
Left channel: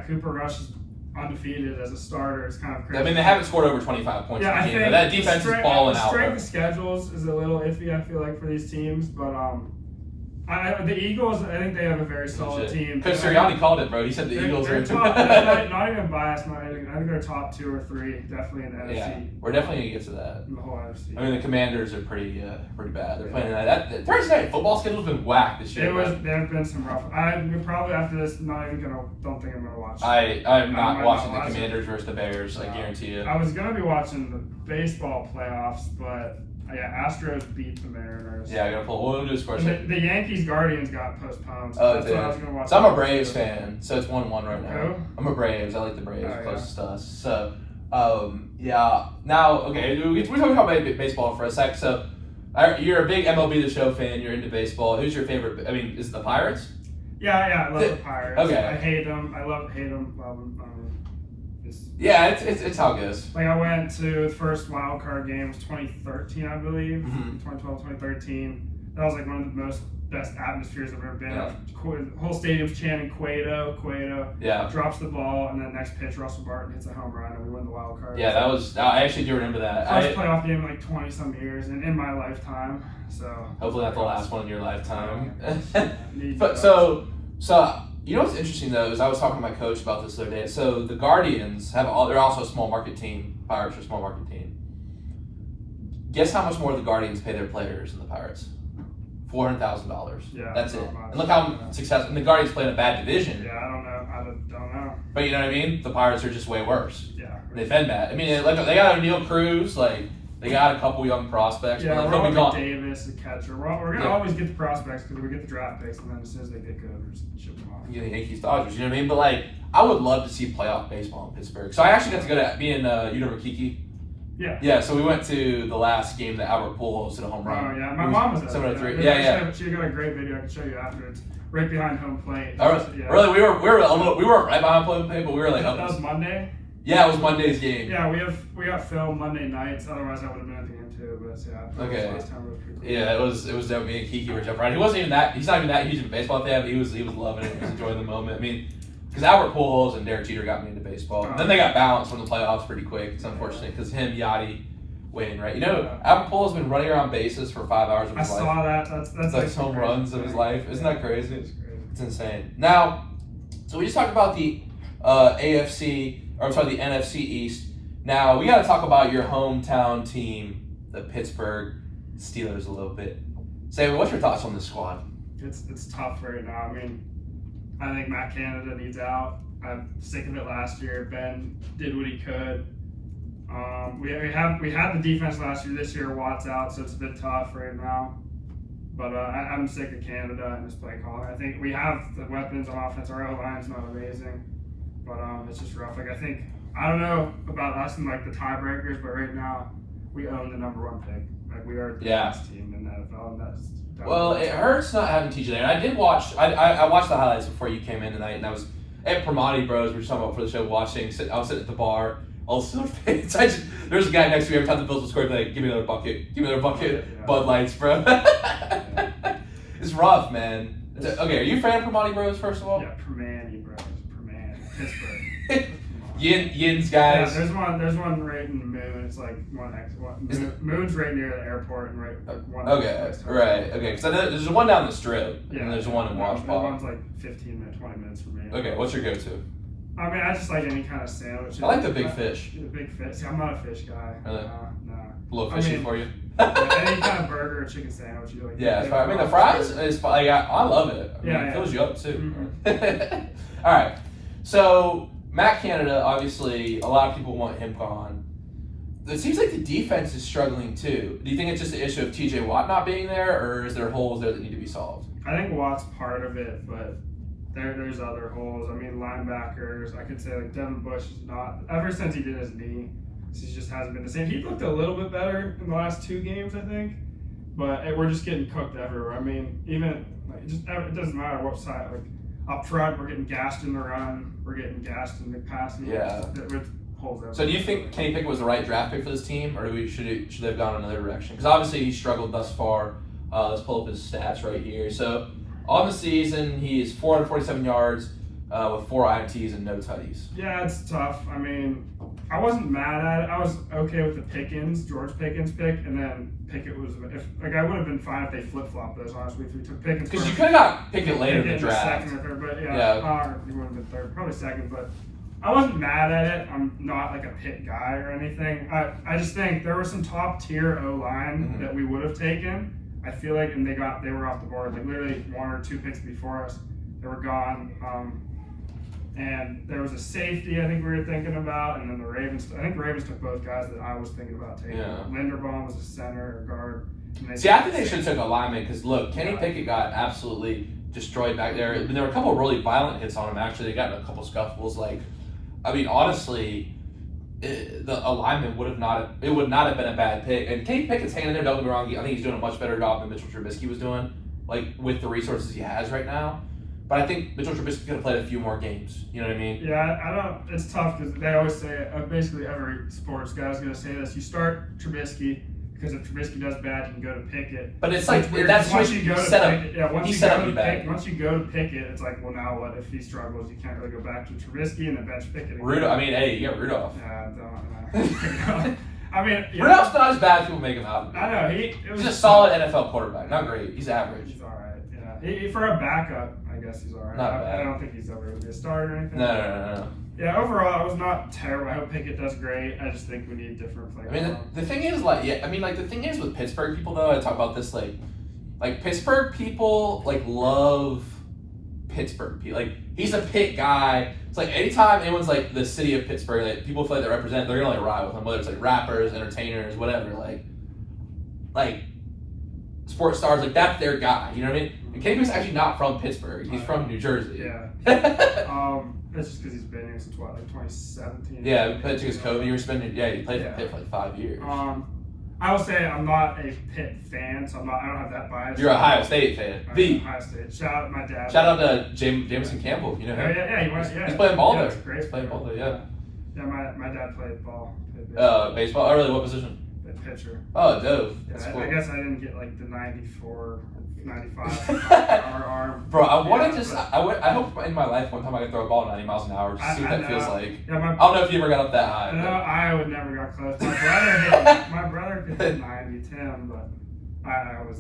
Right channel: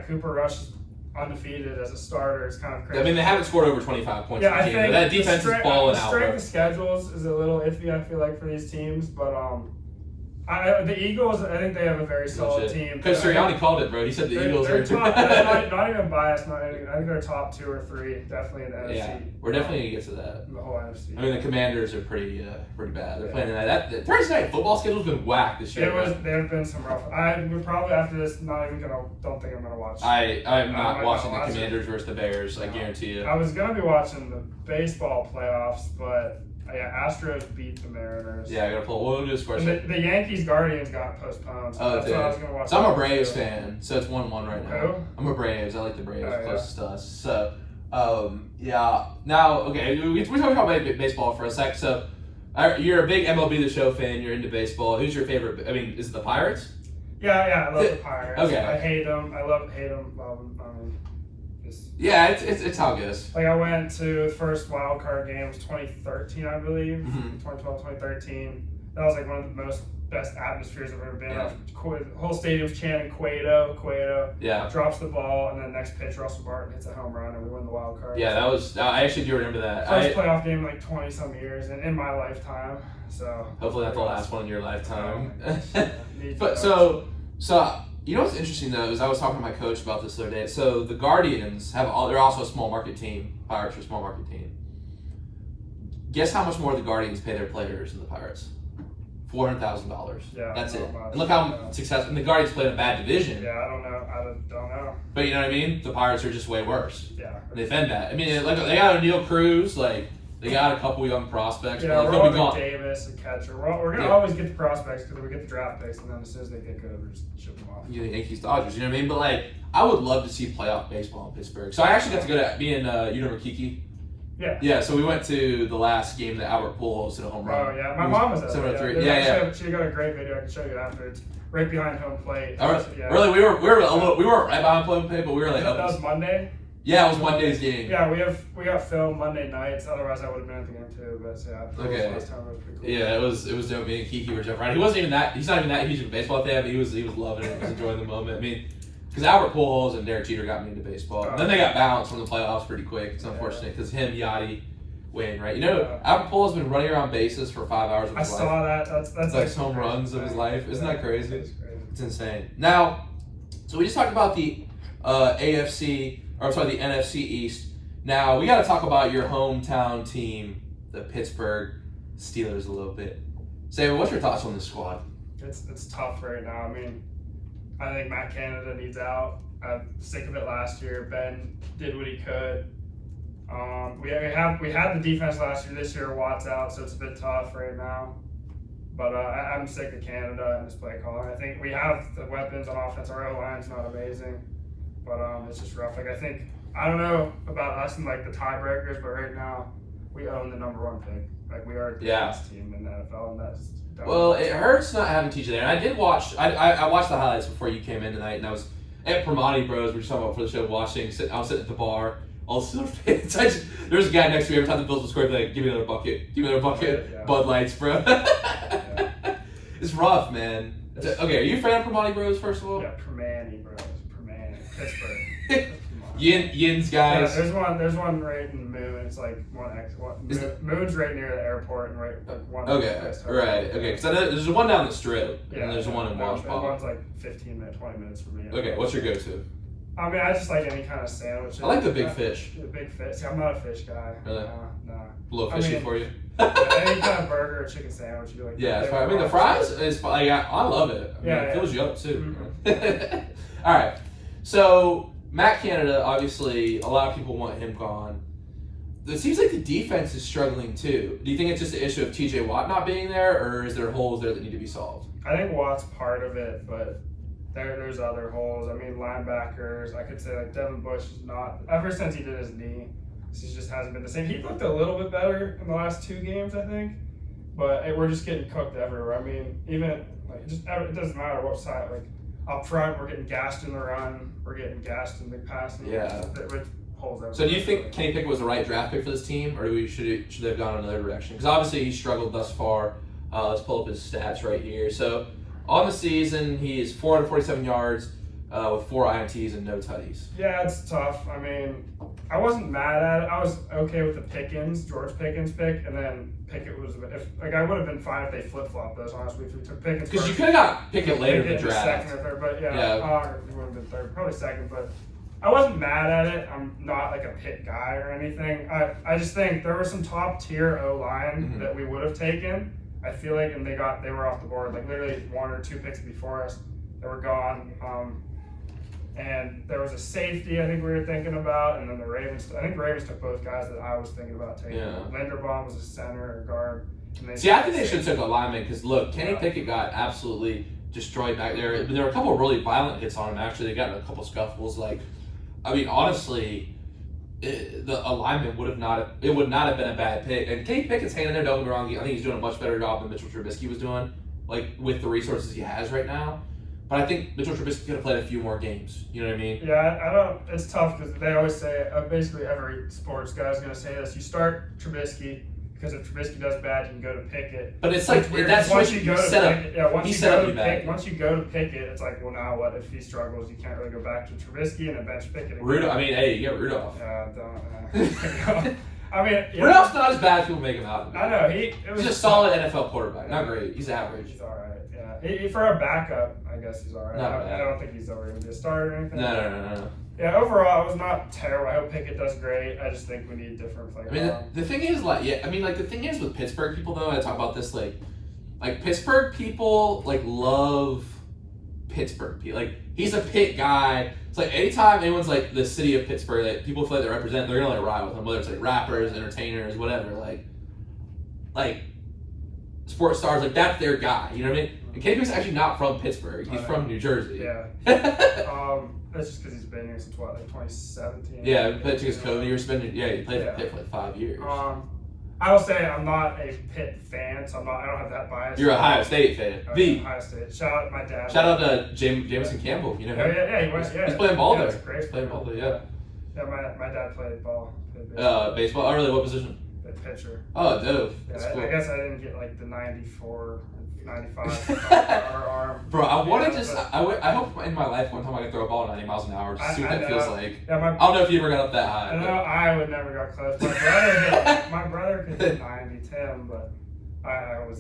Cooper Rush is undefeated as a starter. It's kind of crazy. I mean, they haven't scored over 25 points. Yeah, I think that defense is balling out. The strength of schedules is a little iffy, I feel like, for these teams. But The Eagles, I think they have a very solid team. Coach Sirianni called it, bro. He said the Eagles are top. That's not even biased. I think they're top 2 or 3, definitely in the NFC. Yeah, we're definitely gonna get to that. The whole NFC. I mean, the Commanders are pretty bad. They're playing tonight. That Thursday night football schedule's been whacked this year. There have been some rough. I'm probably after this don't think I'm gonna watch. I'm not watching the Commanders versus the Bears. I guarantee you. I was gonna be watching the baseball playoffs, but. Yeah, Astros beat the Mariners. Yeah, I gotta pull. We'll do a score. The Yankees Guardians got postponed. So that's what I was gonna watch. So I'm a Braves fan, so it's 1-1 right now. Who? I'm a Braves. I like the Braves closest to us. So, yeah. Now, okay, we talked about baseball for a sec. So, you're a big MLB The Show fan. You're into baseball. Who's your favorite? I mean, is it the Pirates? Yeah, I love the Pirates. Okay. I hate them. I hate them. Love them. Yeah, it's how it goes. Like I went to the first wild card game, it was 2013, I believe. Mm-hmm. 2012, 2013. That was like one of the best atmospheres I've ever been in. Yeah. The whole stadium's chanting Cueto. Yeah. Drops the ball, and then the next pitch, Russell Barton hits a home run, and we win the wild card. Yeah, I actually do remember that. First playoff game in like 20 some years in my lifetime. So hopefully not the last one in your lifetime. But so you know what's interesting though is I was talking to my coach about this the other day. So the Guardians they're also a small market team. Pirates are a small market team. Guess how much more the Guardians pay their players than the Pirates? $400,000. Yeah, that's it. And look how successful. And the Guardians play in a bad division. Yeah, I don't know. But you know what I mean? The Pirates are just way worse. Yeah. And they've been bad. I mean, like they got O'Neal Cruz, like they got a couple young prospects. Yeah, but we're like, all Davis, a catcher. We're gonna always get the prospects because we get the draft picks, and then as soon as they get good, we just ship them off. You know, Yankees, Dodgers. You know what I mean? But like, I would love to see playoff baseball in Pittsburgh. So I actually got to go to me and you know Rikiki. Yeah. Yeah. So we went to the last game that Albert Pujols hit a home run. Oh yeah, my mom was at 7-3. Yeah. She got a great video I can show you after. It's right behind home plate. Yeah. Really, we weren't right behind home plate, but we were like up. That was Monday. Yeah, it was Monday's game. Yeah, we got film Monday nights. Otherwise, I would have been at the game too. But yeah, okay. Last time it was pretty cool. Yeah, it was dope. Me and Kiki were jumping around. He's not even that huge of a baseball fan, but he was loving it. He was enjoying the moment. I mean, because Albert Pujols and Derek Jeter got me into baseball, and then they got bounced from the playoffs pretty quick. It's unfortunate because him, Yachty, Wayne, right? You know, Albert Pujols has been running around bases for 5 hours of his life. I saw that. That's like home runs of his life. Isn't that crazy? It's crazy. It's insane. Now, so we just talked about the the NFC East. Now, we got to talk about your hometown team, the Pittsburgh Steelers, a little bit. Sam, what's your thoughts on this squad? It's tough right now. I mean, I think Matt Canada needs out. I'm sick of it last year. Ben did what he could. We had the defense last year. This year, Watt's out, so it's a bit tough right now. But I'm sick of Canada and his play calling. I think we have the weapons on offense. Our O-line's not amazing, but it's just rough. Like I don't know about us and like the tiebreakers, but right now we own the number 1 pick. Like we are the best team in the NFL, and that's. Well, it hurts not having TJ there. And I did watch. I watched the highlights before you came in tonight, and I was at Primati Bros. We were talking about for the show. I was sitting at the bar. All the Steelers fans. There's a guy next to me every time the Bills will score. Be like, give me another bucket. Give me another bucket. Yeah. Bud Lights, bro. It's rough, man. Okay, are you a fan of Primati Bros? First of all. Yeah, Primani Bros. Pittsburgh. Yin's guys. Yeah, there's one right in the Moon. It's like Moon's right near the airport and one. Okay, right. Okay, because I know there's one down the strip. Yeah, and there's one in Washington. One's like 20 minutes from me. Okay, what's your go-to? I mean, I just like any kind of sandwich. I like the big fish. The big fish. See, I'm not a fish guy. Really? No. A little fishy for you. Any kind of burger or chicken sandwich. You like? Yeah, I mean the fries is like I love it. I mean, it fills you up too. Mm-hmm. All right, so Matt Canada, obviously, a lot of people want him gone. It seems like the defense is struggling too. Do you think it's just an issue of TJ Watt not being there, or is there holes there that need to be solved? I think Watt's part of it, but there's other holes. I mean, linebackers. I could say like Devin Bush is not. Ever since he did his knee, he just hasn't been the same. He looked a little bit better in the last 2 games, I think. But we're just getting cooked everywhere. I mean, even like it doesn't matter what side. Like up front, we're getting gassed in the run. We're getting gassed in the passing. Yeah. Holes everywhere. So do you think Kenny Pickett was the right draft pick for this team, or should they have gone another direction? Because obviously he struggled thus far. Let's pull up his stats right here. So on the season, he's 447 yards, with 4 INTs and no tutties. Yeah, it's tough. I mean, I wasn't mad at it. I was okay with the George Pickens pick, and then Pickett was I would have been fine if they flip flopped those. Honestly, if we took Pickens because you could have got Pickett later in the draft, second or third, but you would have been third, probably second. But I wasn't mad at it. I'm not like a Pitt guy or anything. I just think there was some top tier O line that we would have taken. I feel like, and they were off the board. Like literally 1 or 2 picks before us, they were gone. And there was a safety I think we were thinking about, and then the Ravens took both guys that I was thinking about taking. Yeah. Linderbaum was a center or guard. See, I think they should have took a lineman because look, Kenny Pickett got absolutely destroyed back there. And there were a couple of really violent hits on him. Actually, they got in a couple scuffles. Like, I mean, honestly, a lineman would not have been a bad pick. And Kenny Pickett's hanging in there. Don't get me wrong. I think he's doing a much better job than Mitchell Trubisky was doing, like with the resources he has right now. But I think Mitchell Trubisky could have played a few more games. You know what I mean? Yeah, I don't. It's tough because they always say, basically every sports guy is going to say this. You start Trubisky because if Trubisky does bad, you can go to Pickett. But it's like that's once you go to Pickett. Yeah, once you go to Pickett, it's like, well, now what? If he struggles, you can't really go back to Trubisky and then bench Pickett again. Rudolph. I mean, hey, you got Rudolph. Yeah, don't. I mean, Rudolph's not as bad as people make him out. I know he's a solid NFL quarterback. Not great. He's average. He's all right. Yeah, for a backup, I guess he's all right. Not bad. I don't think he's ever going to be a starter or anything. No. Yeah, overall, it was not terrible. I hope Pickett does great. I just think we need different players. I mean, the thing is, the thing is with Pittsburgh people, though, I talk about this, like Pittsburgh people, love Pittsburgh. Like, he's a Pitt guy. It's like, anytime anyone's, the city of Pittsburgh, people feel like they represent, they're going to, ride with them, whether it's, rappers, entertainers, whatever, like, sports stars, that's their guy, you know what I mean? And Kenny Pickett's actually not from Pittsburgh. He's from New Jersey. Yeah. That's just because he's been here since 2017. Yeah, he played against Kobe. He played for Pitt for 5 years. I will say I'm not a Pitt fan, so I don't have that bias. You're an Ohio State fan. Ohio State. Shout out to my dad. Shout out to Jameson Campbell. You know him. He's playing ball there. That's great. He's playing ball there. Yeah. Yeah, my dad played ball. Baseball. Oh, really? What position? Pitcher. Oh, dope. That's cool. I guess I didn't get the 94, 95 arm. Bro, I hope in my life one time I could throw a ball 90 miles an hour just to see what that feels like. Yeah, I don't know if you ever got up that high. No, I would never got close. My brother could hit 90, 10, but I was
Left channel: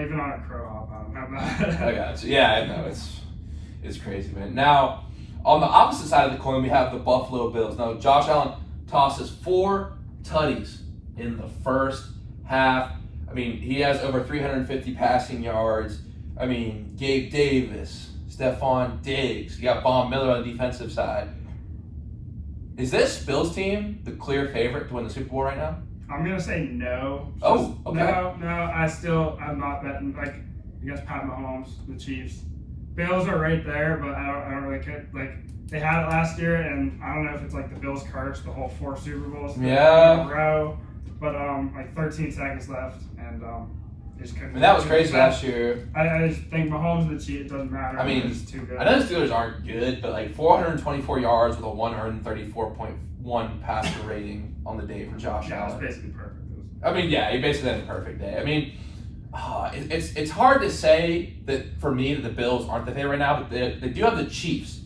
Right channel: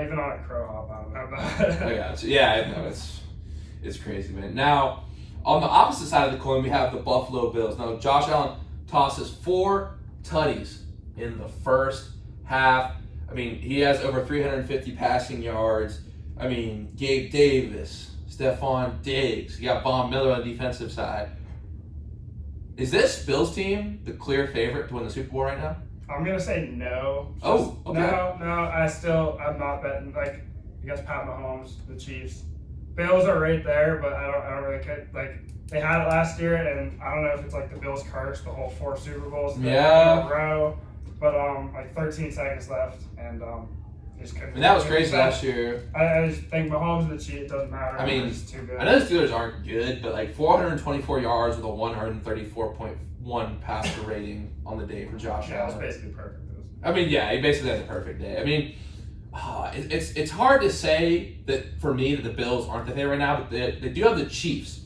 even on a crow hop. I don't know about I got you. Yeah, I know it's crazy, man. Now, on the opposite side of the coin, we have the Buffalo Bills. Now, Josh Allen tosses 4 tutties in the first half. I mean, he has over 350 passing yards. I mean, Gabe Davis, Stephon Diggs. You got Von Miller on the defensive side. Is this Bills team the clear favorite to win the Super Bowl right now? I'm going to say no. Oh, okay. No, I'm not betting. Against Pat Mahomes, the Chiefs. Bills are right there, but I don't really care. They had it last year, and I don't know if it's the Bills curse, the whole 4 Super Bowls in a row. But 13 seconds left, and just couldn't. And that was crazy last year. I just think Mahomes and the Chiefs, it doesn't matter. I mean, it's too good. I know the Steelers aren't good, but 424 yards with a 134.1 passer rating on the day for Josh Allen. It's basically perfect. I mean, yeah, he basically had a perfect day. I mean, it's hard to say that for me that the Bills aren't the favorite right now, but they do have the Chiefs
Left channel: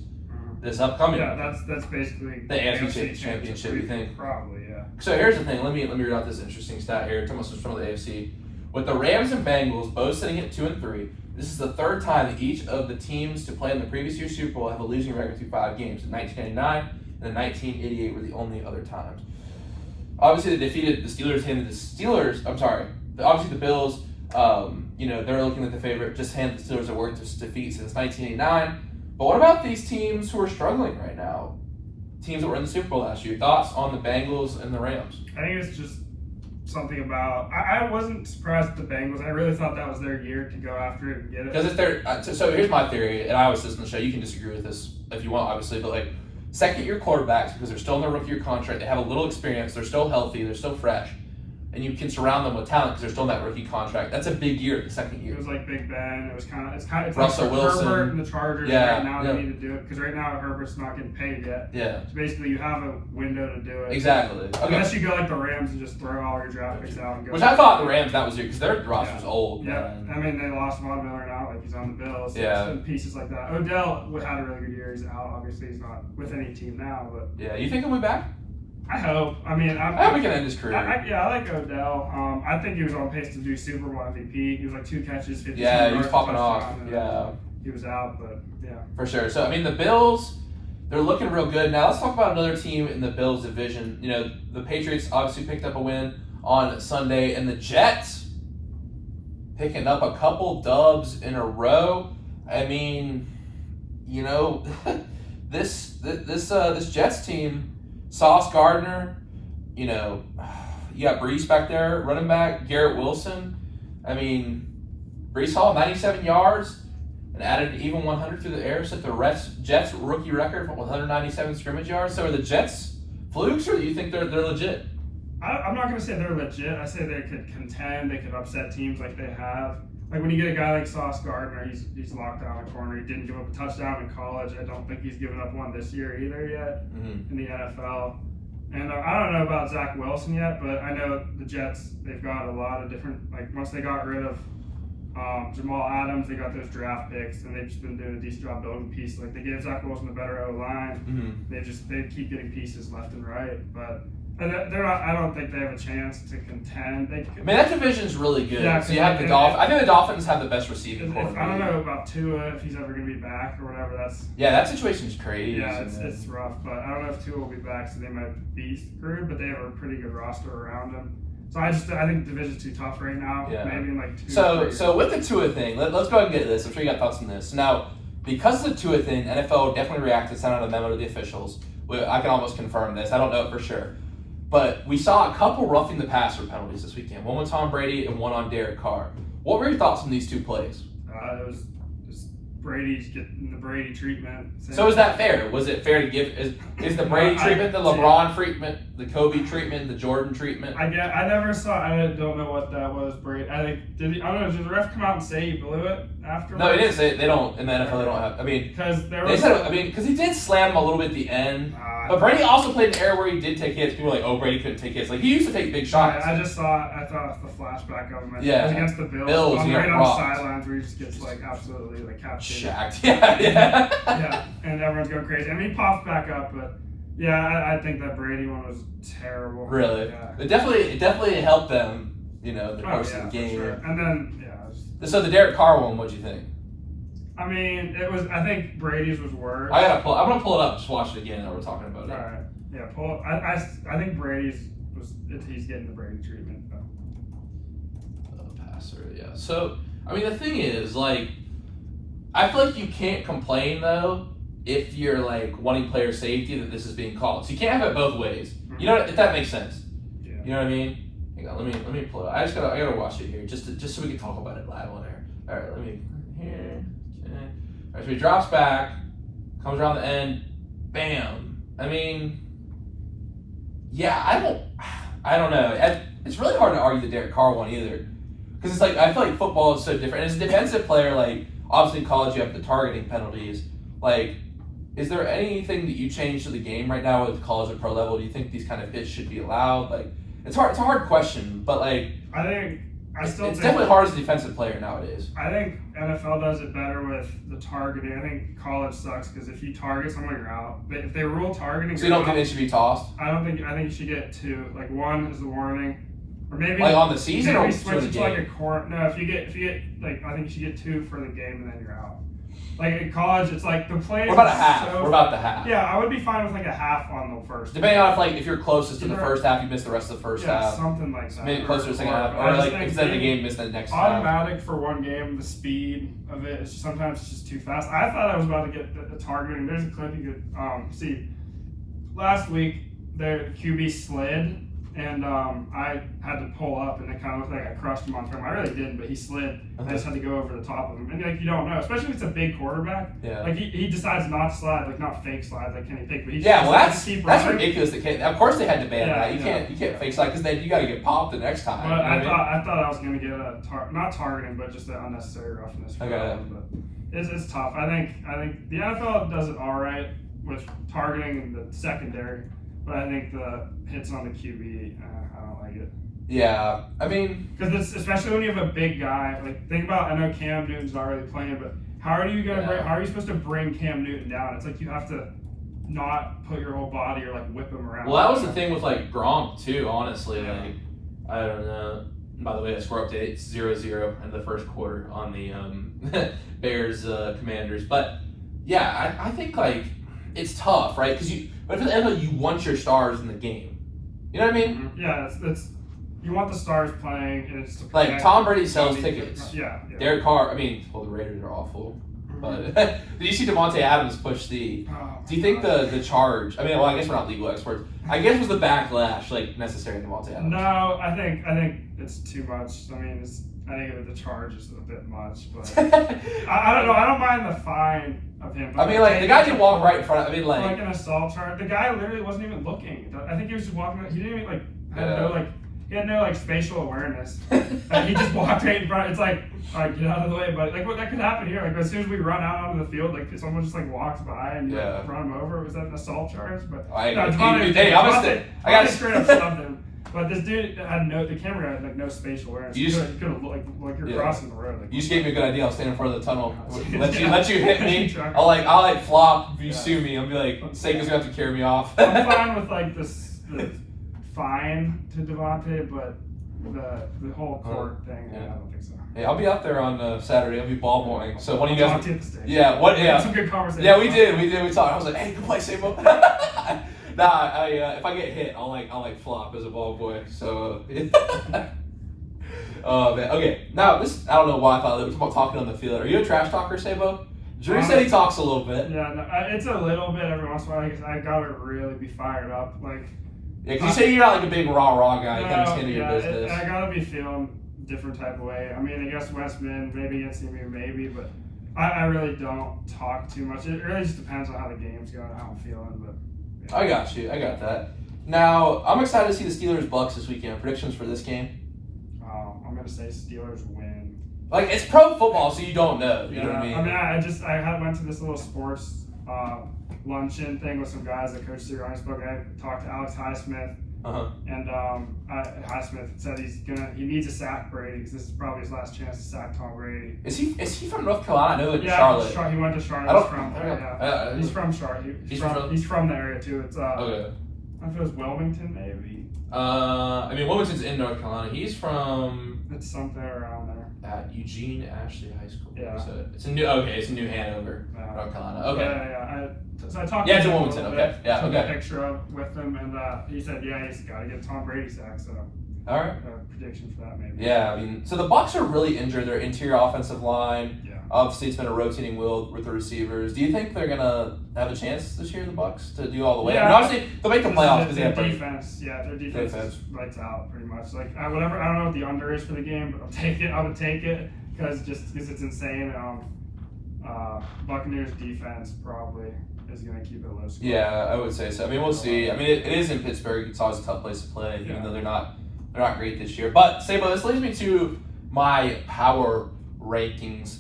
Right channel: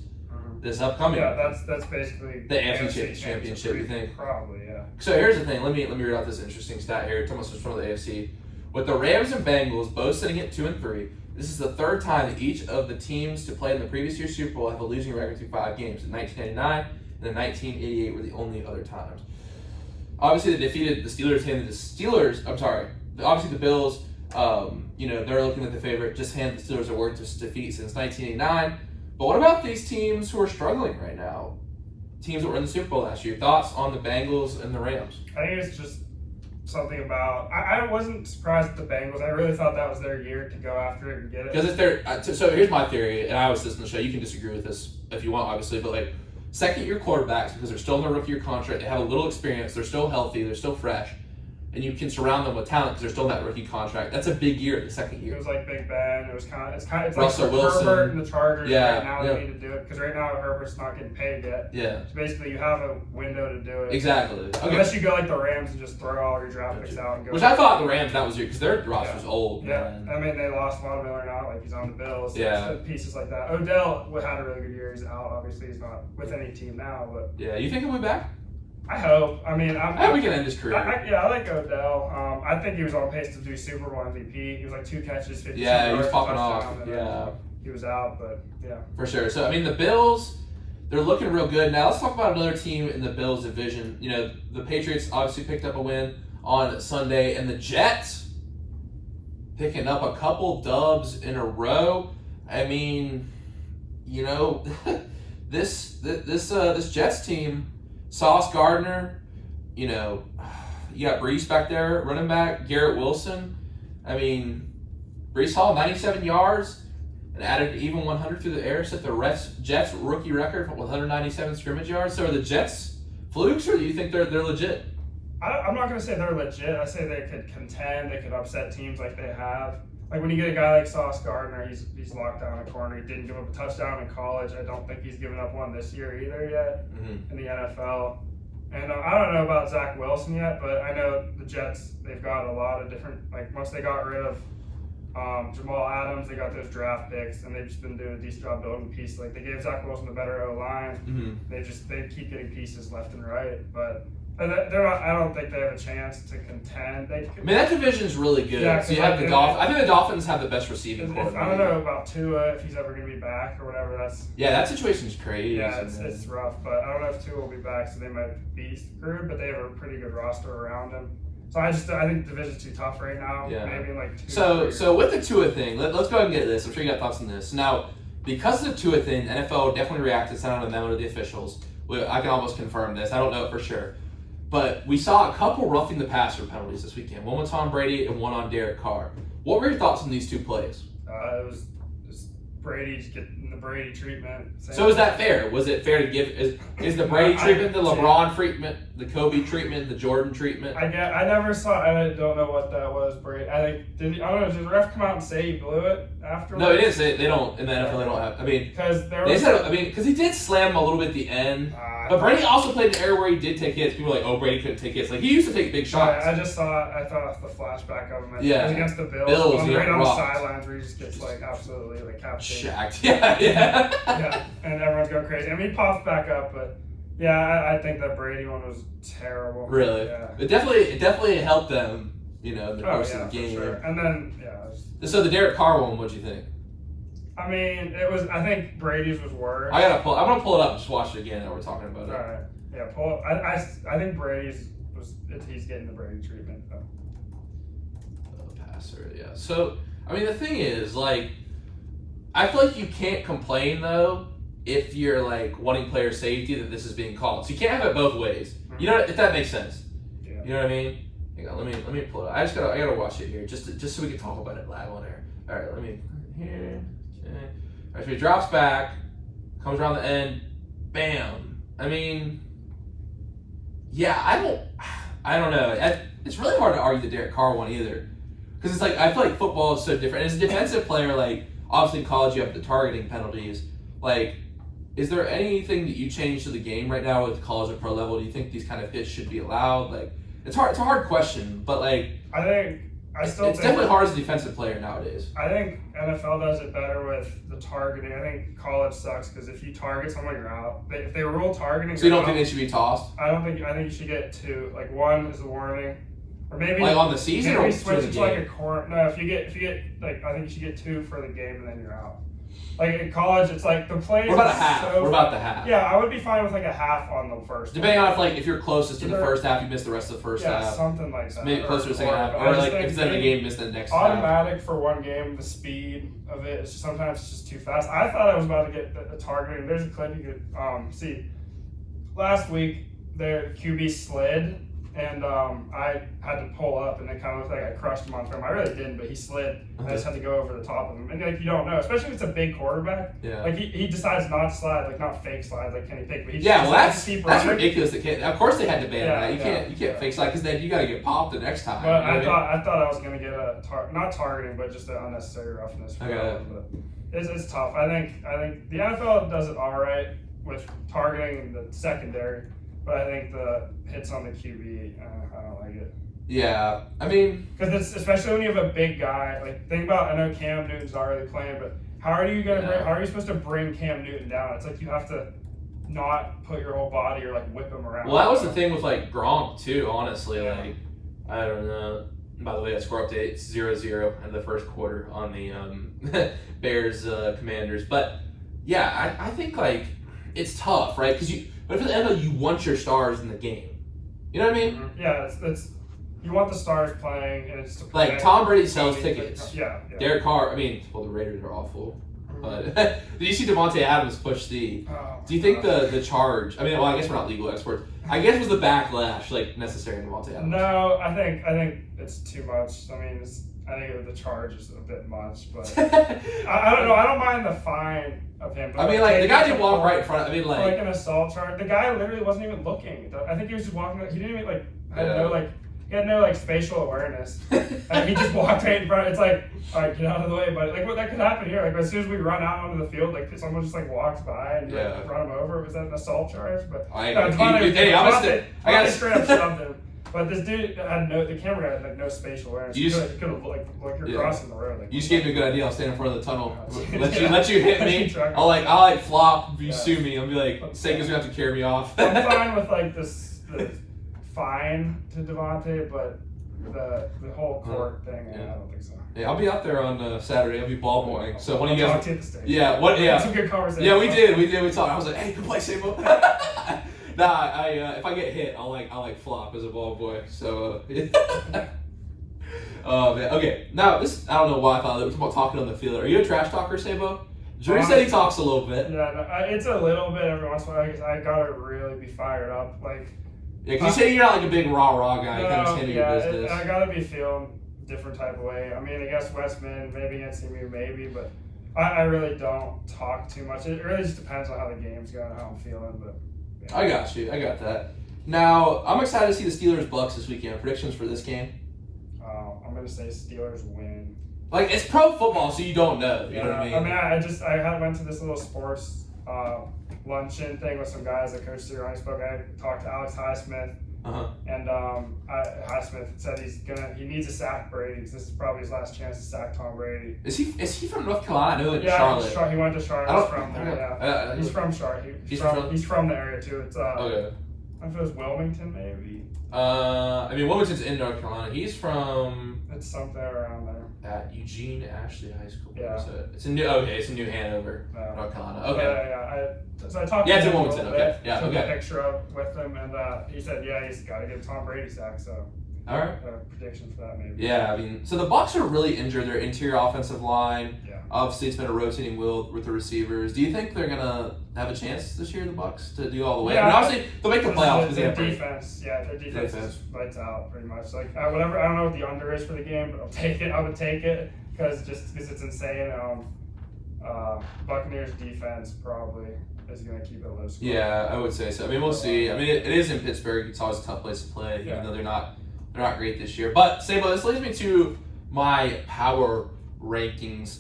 this upcoming. Yeah, that's basically the AFC championship. You think? Probably, yeah. So here's the thing. Let me read out this interesting stat here. Thomas was from the AFC. With the Rams and Bengals both sitting at 2-3, this is the 3rd time that each of the teams to play in the previous year's Super Bowl have a losing record through 5 games. In 1999 and in 1988 were the only other times. Obviously, they defeated the Steelers. Obviously, the Bills. They're looking at the favorite. Just handed the Steelers a work to defeat since 1989. But what about these teams who are struggling right now? Teams that were in the Super Bowl last year. Thoughts on the Bengals and the Rams? I think it's just something about. I wasn't surprised at the Bengals. I really thought that was their year to go after it and get it. Because if they're so here's my theory, and I always say this on the show. You can disagree with this if you want, obviously, but second-year quarterbacks, because they're still in their rookie year contract, they have a little experience, they're still healthy, they're still fresh. and you can surround them with talent because they're still in that rookie contract. That's a big year, the second year. It was like Big Ben. It was it's Russell like Wilson. Herbert and the Chargers. Yeah, right now they need to do it because right now Herbert's not getting paid yet. Yeah. So basically, you have a window to do it. Exactly. Okay. Unless you go like the Rams and just throw all your draft picks out and go. Which I thought the Rams, that was your, because their roster's old. Yeah. Man. I mean, they lost Von Miller now, like he's on the Bills. Yeah. And pieces like that. Odell had a really good year. He's out. Obviously, he's not with any team now, but. Yeah. You think he'll be back? I hope. I mean, we can end his career. I like Odell. I think he was on pace to do Super Bowl MVP. He was like 2 catches, 50 Yeah, yards. he was popping off. And Yeah. He was out, but yeah. For sure. So, I mean, the Bills, they're looking real good. Now, let's talk about another team in the Bills division. You know, the Patriots obviously picked up a win on Sunday, and the Jets picking up a couple dubs in a row. I mean, you know, this Jets team, Sauce Gardner, you know, you got Brees back there, running back, Garrett Wilson. I mean, Brees Hall, 97 yards, and added an even 100 through the air, set the Jets rookie record for 197 scrimmage yards. So are the Jets flukes, or do you think they're legit? I'm not going to say they're legit. I say they could contend. They could upset teams like they have. Like when you get a guy like Sauce Gardner, he's locked down a corner. He didn't give up a touchdown in college. I don't think he's given up one this year either yet in the NFL. And I don't know about Zach Wilson yet, but I know the Jets, they've got a lot of different, like once they got rid of Jamal Adams, they got those draft picks, and they've just been doing a decent job building pieces. Like they gave Zach Wilson a better O-line. They keep getting pieces left and right, but they're not. I don't think they have a chance to contend. I mean, that division's really good. Yeah, so you have the Dolphins. I think the Dolphins have the best receiving core. I don't know about Tua, if he's ever going to be back or whatever. That situation's crazy. Yeah, it's rough, but I don't know if Tua will be back, so they might be screwed. But they have a pretty good roster around them. So I think the division's too tough right now. Yeah. Maybe in like 2 So with the Tua thing, let's go ahead and get this. I'm sure you got thoughts on this. Now, because of the Tua thing, NFL definitely reacted, sent out a memo to the officials. I can almost confirm this. I don't know it for sure. But we saw a couple roughing the passer penalties this weekend. One with Tom Brady and one on Derek Carr. What were your thoughts on these 2 plays? It was just Brady getting the Brady treatment. So is that fair? Was it fair to give? Is the Brady treatment the LeBron treatment, the Kobe treatment, the Jordan treatment? I never saw. I don't know what that was. Brady. I don't know. Did the ref come out and say he blew it afterwards? No, he didn't say it. They don't in the NFL. They don't have. I mean, because he did slam him a little bit at the end. But Brady also played an area where he did take hits. People were like, "Oh, Brady couldn't take hits." Like he used to take big shots. I thought the flashback of him. It was against the Bills. Bills, right on the sidelines where he just gets like absolutely like captured. Shacked. Yeah. Yeah, and everyone's going crazy. I mean, he popped back up, but yeah, I think that Brady one was terrible. Really? Yeah. It definitely helped them. You know, in the course of the game. Sure. And then So the Derek Carr one, what'd you think? I mean, I think Brady's was worse. I'm gonna pull it up. Just watch it again. Now we're talking about it. All right. Yeah, I think Brady's he's getting the Brady treatment though. Passer, yeah. So I mean, the thing is, like, I feel like you can't complain though if you're like wanting player safety that this is being called. So you can't have it both ways. You know, if that makes sense. Yeah. You know what I mean? Hang on, let me pull it up. I gotta watch it here just so we can talk about it live on air. All right, let me here. Okay. All right, so he drops back, comes around the end, bam. I mean, yeah, I don't know. It's really hard to argue the Derek Carr one either, because it's like I feel like football is so different. As a defensive player, like obviously in college you have the targeting penalties. Like, is there anything that you change to the game right now at the college and pro level? Do you think these kind of hits should be allowed? Like, it's hard. It's a hard question, but like it's definitely hard as a defensive player nowadays. I think NFL does it better with the targeting. I think college sucks because if you target someone, you're out. If they rule targeting, so you don't think they should be tossed? I think you should get 2. Like 1 is a warning, or maybe like on the season, maybe or switch it to like a corner. No, if you get like I think you should get 2 for the game and then you're out. Like in college, it's like the plays. What about a half? What about the half? Yeah, I would be fine with like a half on the first. Depending on if you're closest to the first half, you miss the rest of the first half. Yeah, something like that. Maybe closer to the second half, or like if it's in the game, miss the next half. Automatic for one game, the speed of it is sometimes it's just too fast. I thought I was about to get a target, and there's a clip you could see. Last week, their QB slid and I had to pull up, and it kind of looked like I crushed him on film. I really didn't, but he slid. I just had to go over the top of him, and like you don't know, especially if it's a big quarterback. Yeah. Like he decides not to slide, like not fake slide, like Kenny Pickett. But he Yeah, well that's ridiculous. Of course they had to ban that. You can't yeah. fake slide because then you got to get popped the next time. But you know I thought I was gonna get a not targeting, but just an unnecessary roughness. For him. But it's tough. I think the NFL does it all right with targeting the secondary, but I think the hits on the QB, I don't like it. Yeah, I mean, because it's especially when you have a big guy. Like think about, I know Cam Newton's not really playing, but how are you supposed to bring Cam Newton down? It's like you have to not put your whole body or like whip him around. Well, that was the thing with like Gronk too. Honestly, Yeah. like I don't know. By the way, the score update 0-0 in the first quarter on the Bears Commanders. But yeah, I think like it's tough, right? Because but for the NFL, you want your stars in the game. You know what I mean? Yeah, it's you want the stars playing, and it's to like Tom Brady sells tickets. Yeah. Derek Carr. I mean, well, the Raiders are awful. But did you see Devontae Adams push the? Do you think the charge? I mean, well, I guess we're not legal experts. I guess was the backlash like necessary in Devontae Adams? No, I think it's too much. I mean, I think the charge is a bit much, but I don't know. I don't mind the fine of him. But I mean, like the guy did walk right in front. I mean, like an assault charge. The guy literally wasn't even looking. I think he was just walking. He didn't even he had no spatial awareness. He just walked right in front. It's like, all right, get out of the way. But like, what that could happen here? Like, as soon as we run out onto the field, like someone just walks by and you run him over. Was that an assault charge? But I got straight up shoved him. But this dude had the camera had no spatial awareness. You could have like you're crossing the road. You just gave me a good idea. I'll stand in front of the tunnel. Let you hit me. I'll flop. If you sue me, I'll be like, Sega's gonna have to carry me off. I'm fine with the fine to Devontae, but the whole court thing, I don't think so. Hey, I'll be out there on Saturday. I'll be ball boying. So when you guys talk to the stage. Yeah. Some good conversation. Yeah, we did. We talked. I was like, hey, go play Sabo. Nah, if I get hit, I'll flop as a ball boy. So. Oh man. Okay. Now this, I don't know why I thought it was about talking on the field. Are you a trash talker, Sabo? Drew said he talks a little bit. Yeah, no, it's a little bit every once in a while because I gotta really be fired up. Yeah, because you say you're not like a big rah guy. You kind of stand in your business. I gotta be feeling different type of way. I mean, I guess Westminster, maybe against me, maybe, but I really don't talk too much. It really just depends on how the game's going, how I'm feeling. But yeah. I got you. I got that. Now, I'm excited to see the Steelers-Bucks this weekend. Predictions for this game? I'm gonna say Steelers win. Like, it's pro football, so you don't know. You know what I mean? I mean, I went to this little sports luncheon thing with some guys that Coach Sirianni spoke. I talked to Alex Highsmith, and Highsmith said he needs to sack Brady because this is probably his last chance to sack Tom Brady. Is he from North Carolina? I know Charlotte. He went to Charlotte. He's from there. He's from Charlotte. He's from the area too. It's okay. I don't know if it was Wilmington maybe. I mean Wilmington's in North Carolina. He's from. It's something around there. At Eugene Ashley High School. Yeah. It's in New Hanover, North Carolina. Okay. So I talked to him in Wilmington. Okay. Yeah. Took a picture with him, and he said, he's got to get Tom Brady sacked. So. All right. Prediction for that maybe. Yeah, I mean, so the Bucs are really injured. Their interior offensive line. Yeah. Obviously, it's been a rotating wheel with the receivers. Do you think they're gonna have a chance this year, the Bucs, to do all the way? Yeah, I mean, obviously they'll make the playoffs because their defense. Yeah, their defense is lights out pretty much. Like whatever. I don't know what the under is for the game, but I'll take it. I would take it because it's insane. Buccaneers defense probably is going to keep it low score. Yeah, I would say so. I mean, we'll see. I mean, it is in Pittsburgh. It's always a tough place to play, even though they're not great this year. But Sabo, this leads me to my power rankings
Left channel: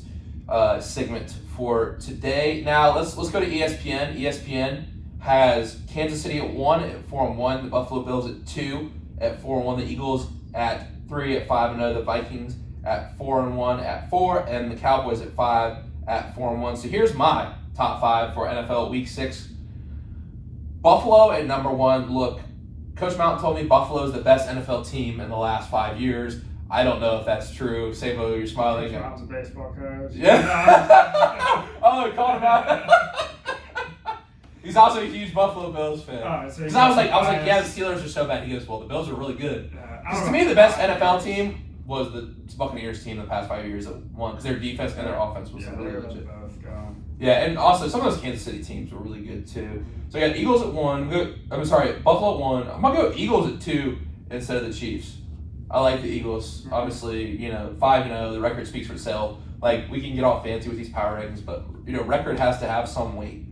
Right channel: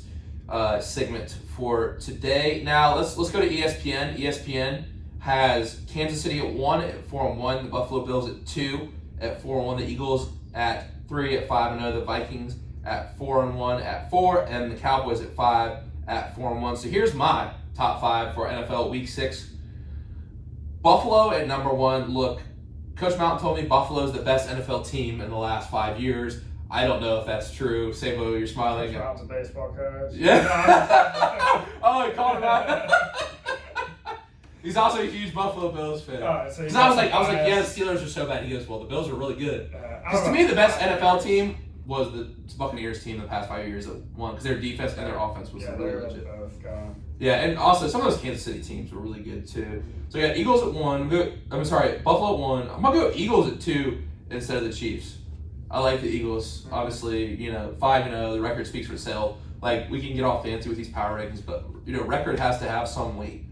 segment for today. Now let's go to ESPN. ESPN has Kansas City at 1 at 4-1, the Buffalo Bills at 2 at 4-1, the Eagles at 3 at 5-0, the Vikings at 4-1 at 4, and the Cowboys at 5 at 4-1. So here's my top 5 for NFL Week 6. Buffalo at number 1. Look, Coach Mountain told me Buffalo is the best NFL team in the last 5 years. I don't know if that's true. Sabo, you're smiling. Coach Mountain's a baseball coach. Yeah. Oh, he called him out. He's also a huge Buffalo Bills fan. Because I was like, yeah, the Steelers are so bad. He goes, well, the Bills are really good. Because to me, the best NFL team was the Buccaneers team the past 5 years that won because their defense and their offense was really legit. Yeah, and also some of those Kansas City teams were really good too. So I got Eagles at 1. Buffalo at 1. I'm gonna go Eagles at 2 instead of the Chiefs. I like the Eagles. Obviously, 5-0. The record speaks for itself. Like, we can get all fancy with these power rankings, but record has to have some weight.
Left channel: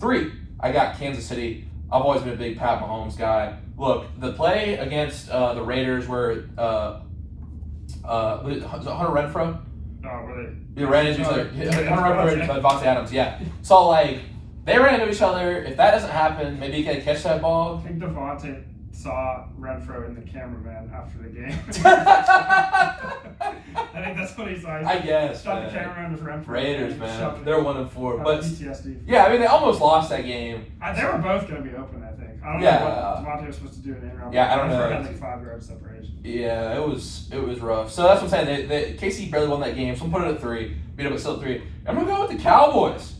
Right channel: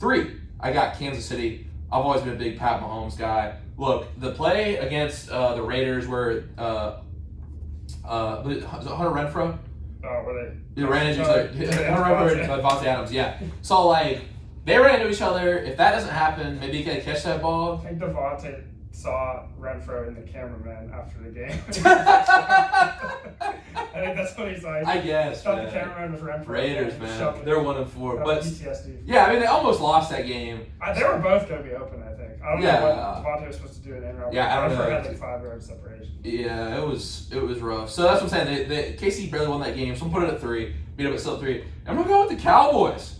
3, I got Kansas City. I've always been a big Pat Mahomes guy. Look, the play against the Raiders where was it Hunter Renfrow? Were they? Ran into each other. Hunter Renfrow, Devontae Adams. Yeah. So like they ran into each other. If that doesn't happen, maybe you can catch that ball. I think Devontae saw Renfrow and the cameraman after the game. I think that's what he saw. I guess. Thought the cameraman was Renfrow. Raiders, man. They're 1-4, but PTSD. Yeah, I mean they almost lost that game. They were both going to be open, I think. I don't know what Devontae was supposed to do in the in-round. Yeah, I don't know. Renfrow had like 5 yards separation. Yeah, it was rough. So that's what I'm saying. KC barely won that game, so I'm putting it at 3. Beat up at still at 3. I'm gonna go with the Cowboys.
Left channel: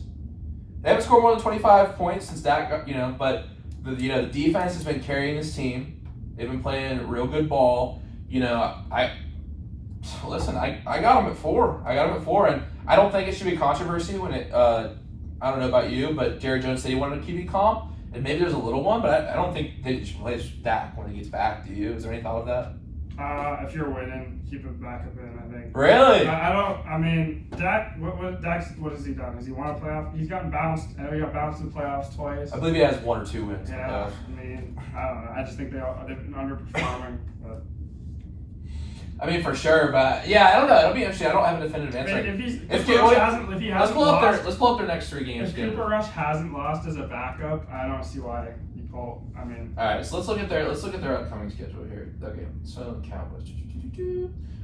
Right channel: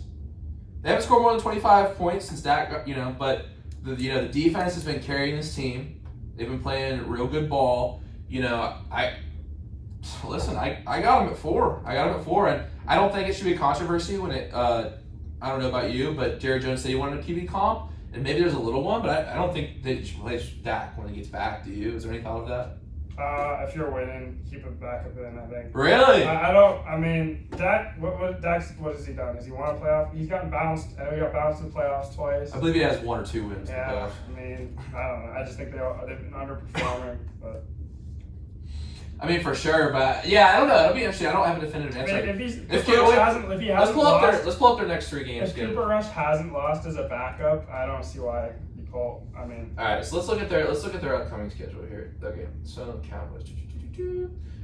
They haven't scored more than 25 points since Dak, but the defense has been carrying this team. They've been playing real good ball. I got them at 4. And I don't think it should be controversy when it. I don't know about you, but Jerry Jones said he wanted to keep it calm, and maybe there's a little one, but I don't think they should play Dak when he gets back. Do you? Is there any thought of that? If you're winning, keep it back up in, I think. Really? I don't. I mean, Dak. What has he done? Has he won a playoff? He's gotten bounced. He got bounced in the playoffs twice. I believe he has 1 or 2 wins. Yeah. I mean, I don't know. I just think they've been underperforming. But I mean, for sure. But yeah, I don't know. It'll be interesting. I don't have a definitive answer. I mean, let's pull up their next 3 games. If Cooper Rush hasn't lost as a backup, I don't see why you pull. I mean. All right. So let's look at their upcoming schedule here. Okay. So Cowboys.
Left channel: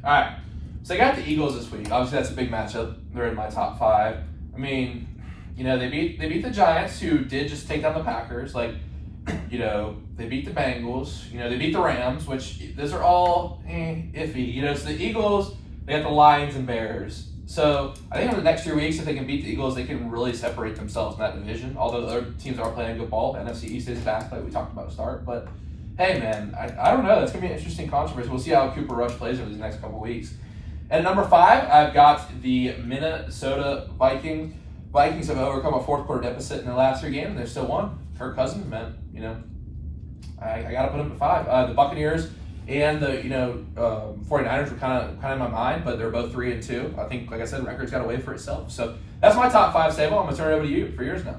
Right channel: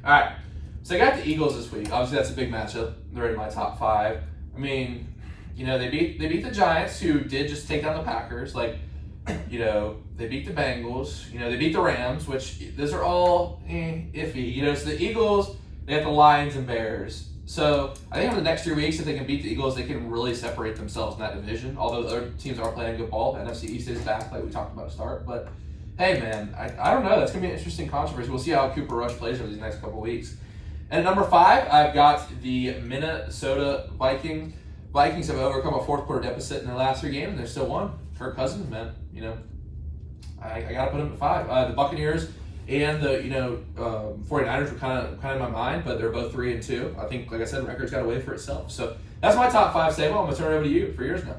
All right. So I got the Eagles this week. Obviously, that's a big matchup. They're in my top 5. I mean, they beat the Giants, who did just take down the Packers. Like, they beat the Bengals. They beat the Rams, which those are all iffy. So the Eagles, they got the Lions and Bears. So I think in the next 3 weeks, if they can beat the Eagles, they can really separate themselves in that division. Although the other teams aren't playing good ball, the NFC East is back, like we talked about to start. But hey, man, I don't know. It's gonna be an interesting controversy. We'll see how Cooper Rush plays over these next couple weeks. And at number 5, I've got the Minnesota Vikings. Vikings have overcome a 4th quarter deficit in their last 3 games, and they've still won. Kirk Cousins, man, I got to put them at 5. The Buccaneers and the 49ers were kind of in my mind, but they're both 3 and 2. I think, like I said, record's got to wait for itself. So that's my top 5. Sabo. I'm gonna turn it over to you for yours now.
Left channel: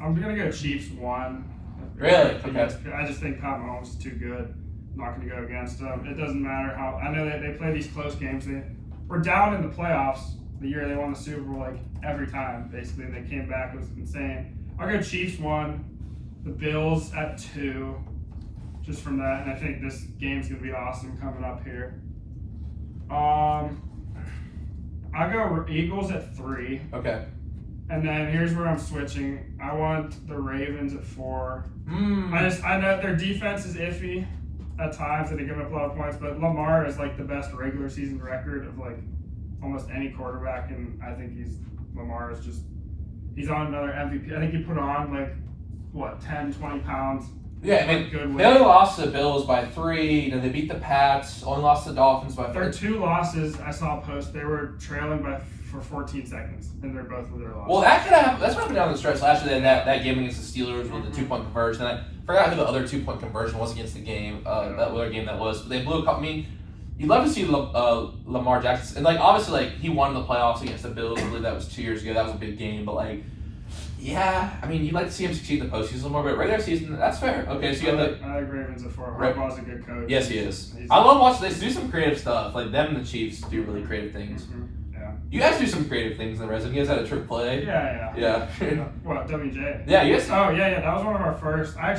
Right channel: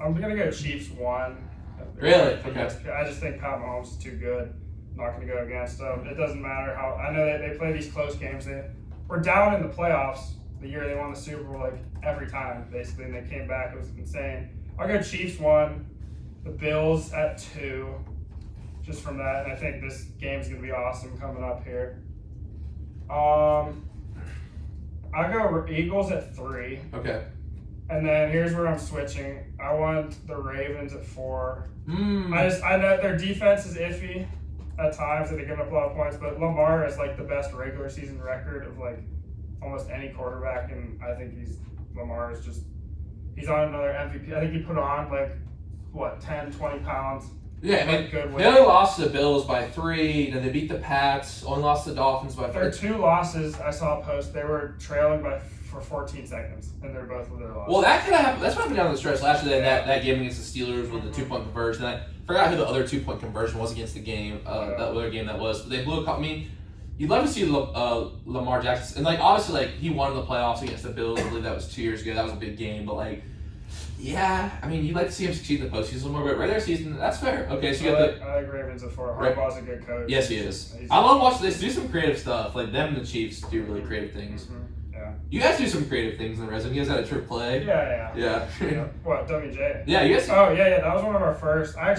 I'm gonna go Chiefs 1. Really? Okay. I just think Pat Mahomes is too good. I'm not gonna go against them. It doesn't matter how. I know they play these close games. They were down in the playoffs the year they won the Super Bowl, like every time basically, and they came back. It was insane. I'll go Chiefs 1. The Bills at 2. Just from that, and I think this game's gonna be awesome coming up here. I go Eagles at 3. Okay. And then here's where I'm switching. I want the Ravens at 4. I know their defense is iffy at times, and they give up a lot of points, but Lamar is like the best regular season record of like almost any quarterback, and I think Lamar is just he's on another MVP. I think he put on like 10, 20 pounds. Yeah, I mean, they only lost to the Bills by 3. They beat the Pats. Only lost to the Dolphins by 4. Their 2 losses, I saw a post. They were trailing for 14 seconds, and they're both with their losses. Well, that could happen. That's what happened down the stretch last year. That game against the Steelers with the 2-point conversion. I forgot who the other 2-point conversion was against the game. That other game that was. But they blew a couple. I mean, you'd love to see Lamar Jackson, and obviously he won the playoffs against the Bills. I believe that was 2 years ago. That was a big game, but yeah, I mean, you'd like to see him succeed in the postseason a little more, but regular season, that's fair. Okay, so you got I think Ravens at 4. Harbaugh's a good coach. Yes, he is. I love watching this. Do some creative stuff. Like them and the Chiefs do really creative things. Yeah. You guys do some creative things in the resume. You guys had a trick play. Yeah. What, WJ? Yeah, you guys. Oh yeah. That was one of our first. I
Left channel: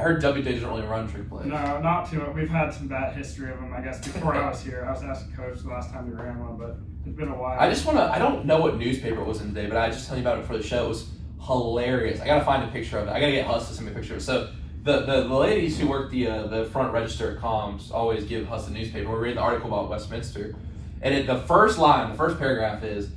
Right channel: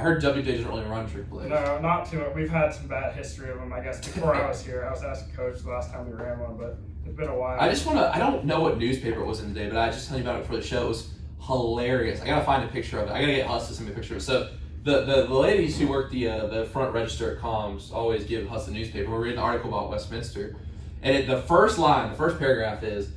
heard WJ doesn't really run trick plays. No, not too much. We've had some bad history of them, I guess, before I was here. I was asking Coach the last time we ran one, but it's been a while. I don't know what newspaper it was in today, but I just tell you about it for the show. It was hilarious. I gotta find a picture of it. I gotta get Huss to send me a picture of it. So the ladies who work the front register at comms always give Huss the newspaper. We're reading an article about Westminster, and the first paragraph is,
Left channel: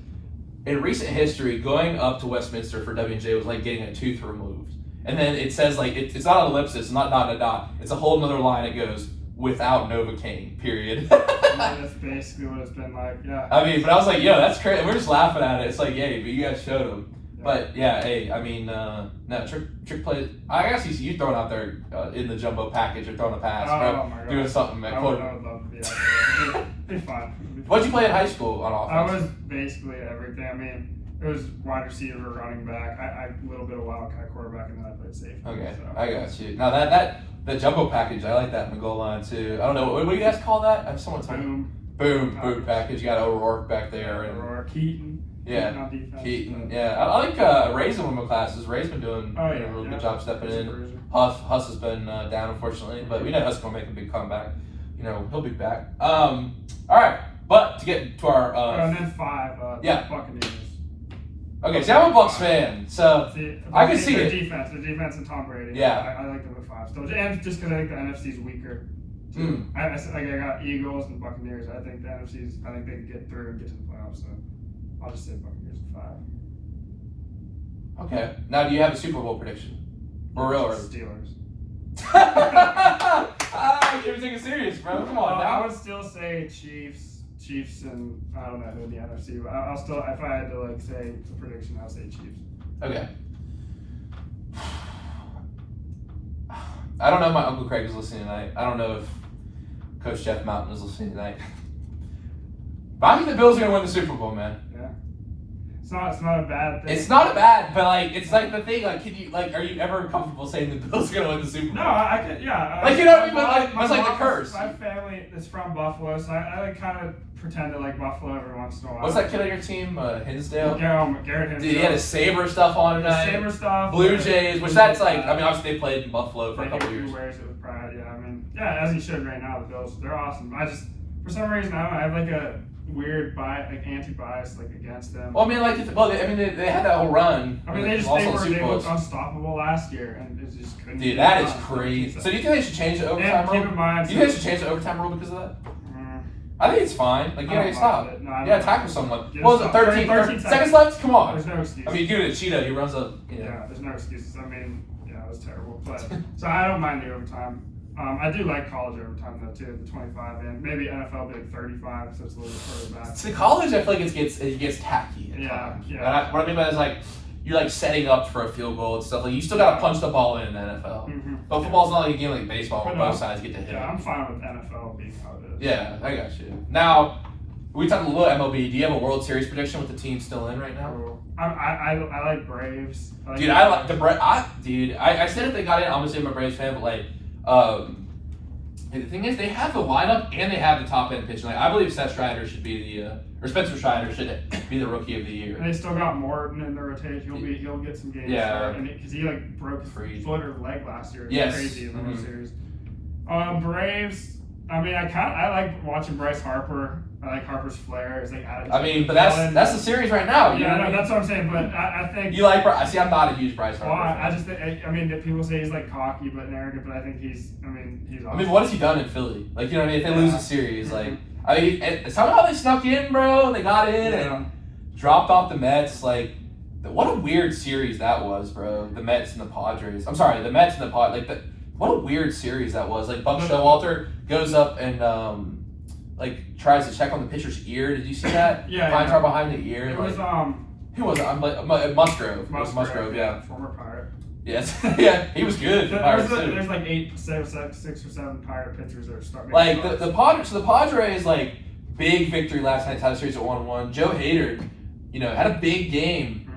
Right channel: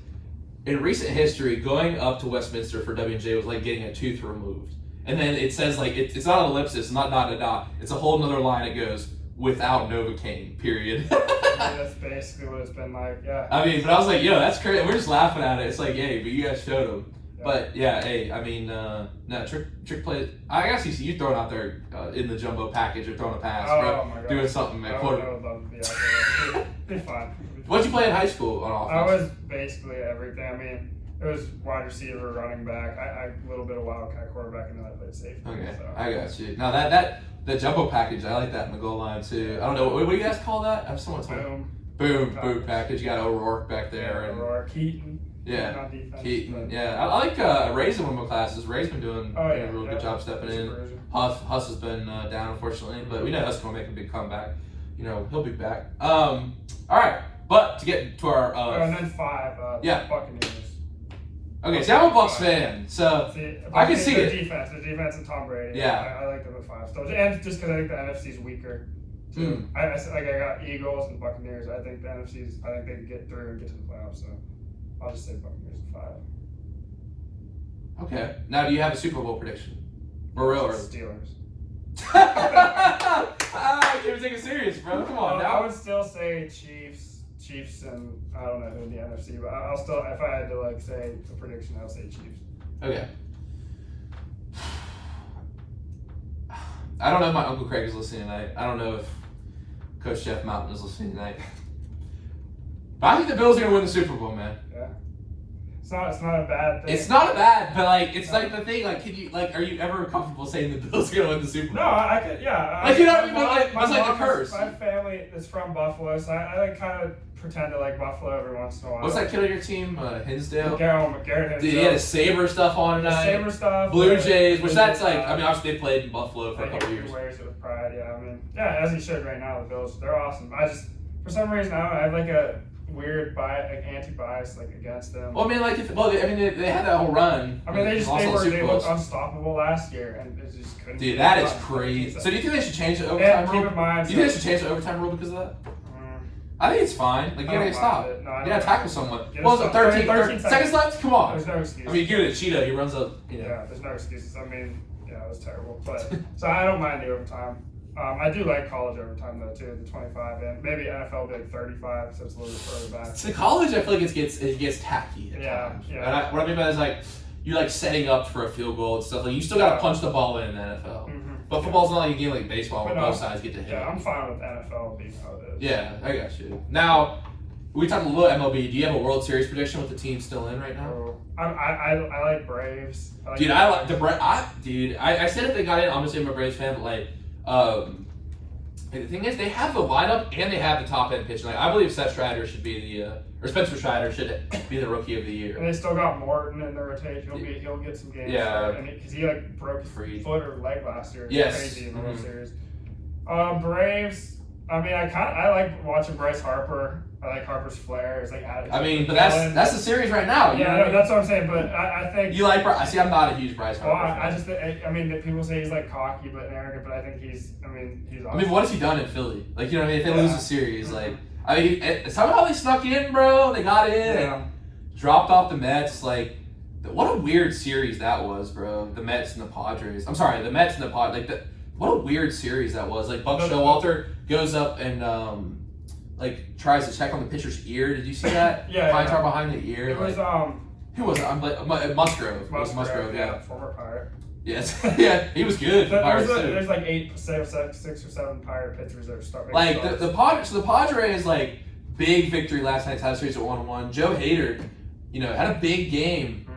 in recent history, going up to Westminster for W&J was like getting a tooth removed. And then it says it's not an ellipsis, not dot to dot. It's a whole nother line. It goes without Novocaine. Period. That's basically what it's been like. Yeah. I mean, but I was like, yo, that's crazy. We're just laughing at it. It's like, yay, but you guys showed them. But yeah, hey, I mean, no, trick play. I guess you throwing out there in the jumbo package or throwing a pass, bro, my God. doing something. I would love to be out there. It's fun. What'd you play in high school on offense? I was basically everything. I mean, it was wide receiver, running back. I a little bit of wildcat quarterback, and then I played safety. Okay, so. I got you. Now that jumbo package, I like that in the goal line too. I don't know what do you guys call that? I have someone tell me. Boom package. You got O'Rourke back there. Yeah, and O'Rourke, Keaton. Yeah, Keaton on defense. Keaton. Yeah, I like Ray's in one of my classes. Ray's been doing a real good job stepping in. Huss has been down unfortunately, but we know Huss will make a big comeback. You know he'll be back. All right, but to get to our and then 5. Buccaneers. Okay, so I'm a Bucs fan, so I can see the it. defense and Tom Brady. Yeah, I like them at 5 still, and just because I think the NFC is weaker. I got Eagles and Buccaneers. I think the NFC's. I think they can get through and get to the playoffs. So I'll just say Buccaneers at 5. Okay. Now, do you have a Super Bowl prediction? For real or Steelers? You're taking it serious, bro. Come on now. I would still say Chiefs, and I don't know who in the NFC, but I'll still, if I had to say a prediction, I'll say Chiefs. Okay. I don't know if my Uncle Craig is listening tonight. I don't know if Coach Jeff Mountain is listening tonight. But I think the Bills are gonna win the Super Bowl, man. Yeah. It's not a bad thing. It's not bad, but it's like the thing. Can you are you ever comfortable saying the Bills are gonna win the Super Bowl? No, I could. Yeah. You know what I mean? But that's the curse. My family is from Buffalo, so I kind of pretend to like Buffalo every once in a while. What's that kid on your team? Hinsdale. Garrett Hinsdale. Dude, he had his Sabre stuff on tonight. Sabre stuff. Blue Jays, which that's obviously they played in Buffalo for a couple years. He wears it with pride. Yeah, I mean, as he should right now. The Bills, they're awesome. I just for some reason I don't know, I have a weird anti-bias against them. Well, I mean, they had that whole run. I mean, they looked unstoppable last year, and it just couldn't. Dude, that is crazy. So do you think they should change the overtime rule? Keep in mind, do you think they should change the overtime rule because of that? I think it's fine. You gotta stop. Tackle someone. What was it, 13 seconds left? Come on. There's no excuse. I mean, you give it to Cheetah, he runs up. Yeah, there's no excuses. I mean, it was terrible. But so I don't mind the overtime. I do like college overtime though too, the 25, and maybe NFL will be 35, so it's a little bit further back. So college, I feel like it gets tacky at times. Yeah. What I mean by that is you're setting up for a field goal and stuff. You still gotta punch the ball in the NFL. Mm-hmm. But football's not like a game like baseball where both sides get to hit. Yeah, I'm fine with NFL being how it is. Yeah, I got you. Now, we talked a little MLB. Do you have a World Series prediction with the team still in right now? I like Braves. I like the Braves. I said if they got in, obviously I'm a Braves fan, but the thing is, they have the lineup and they have the top end pitching. I believe Seth Strider should be or Spencer Strider should be the Rookie of the Year. And they still got Morton in the rotation. He'll get some games. Yeah, because he broke his foot or leg last year. Yes, crazy in the World Series. Braves. I mean, I like watching Bryce Harper. I like Harper's flair. It's but that's the series right now. Yeah, that's what I'm saying. But I think you like. See, I'm not a huge Bryce Harper. I just think. I mean, people say he's cocky but arrogant, but I think he's. Awesome. I mean, what has he done in Philly? You know what I mean? If they lose a series, somehow they snuck in, bro. They got in and dropped off the Mets. What a weird series that was, bro. The Mets and the Padres. I'm sorry, the Mets and the Padres. What a weird series that was. Buck Showalter goes up and tries to check on the pitcher's ear. Did you see that? Pine tar behind the ear. It was who was it? Musgrove. Musgrove, yeah. Former Pirate. Yes. Yeah, he was good. There's 6 or 7 Pirate pitchers that are starting. The Padres big victory last night, tied the series at 1-1. Joe Hader, had a big game.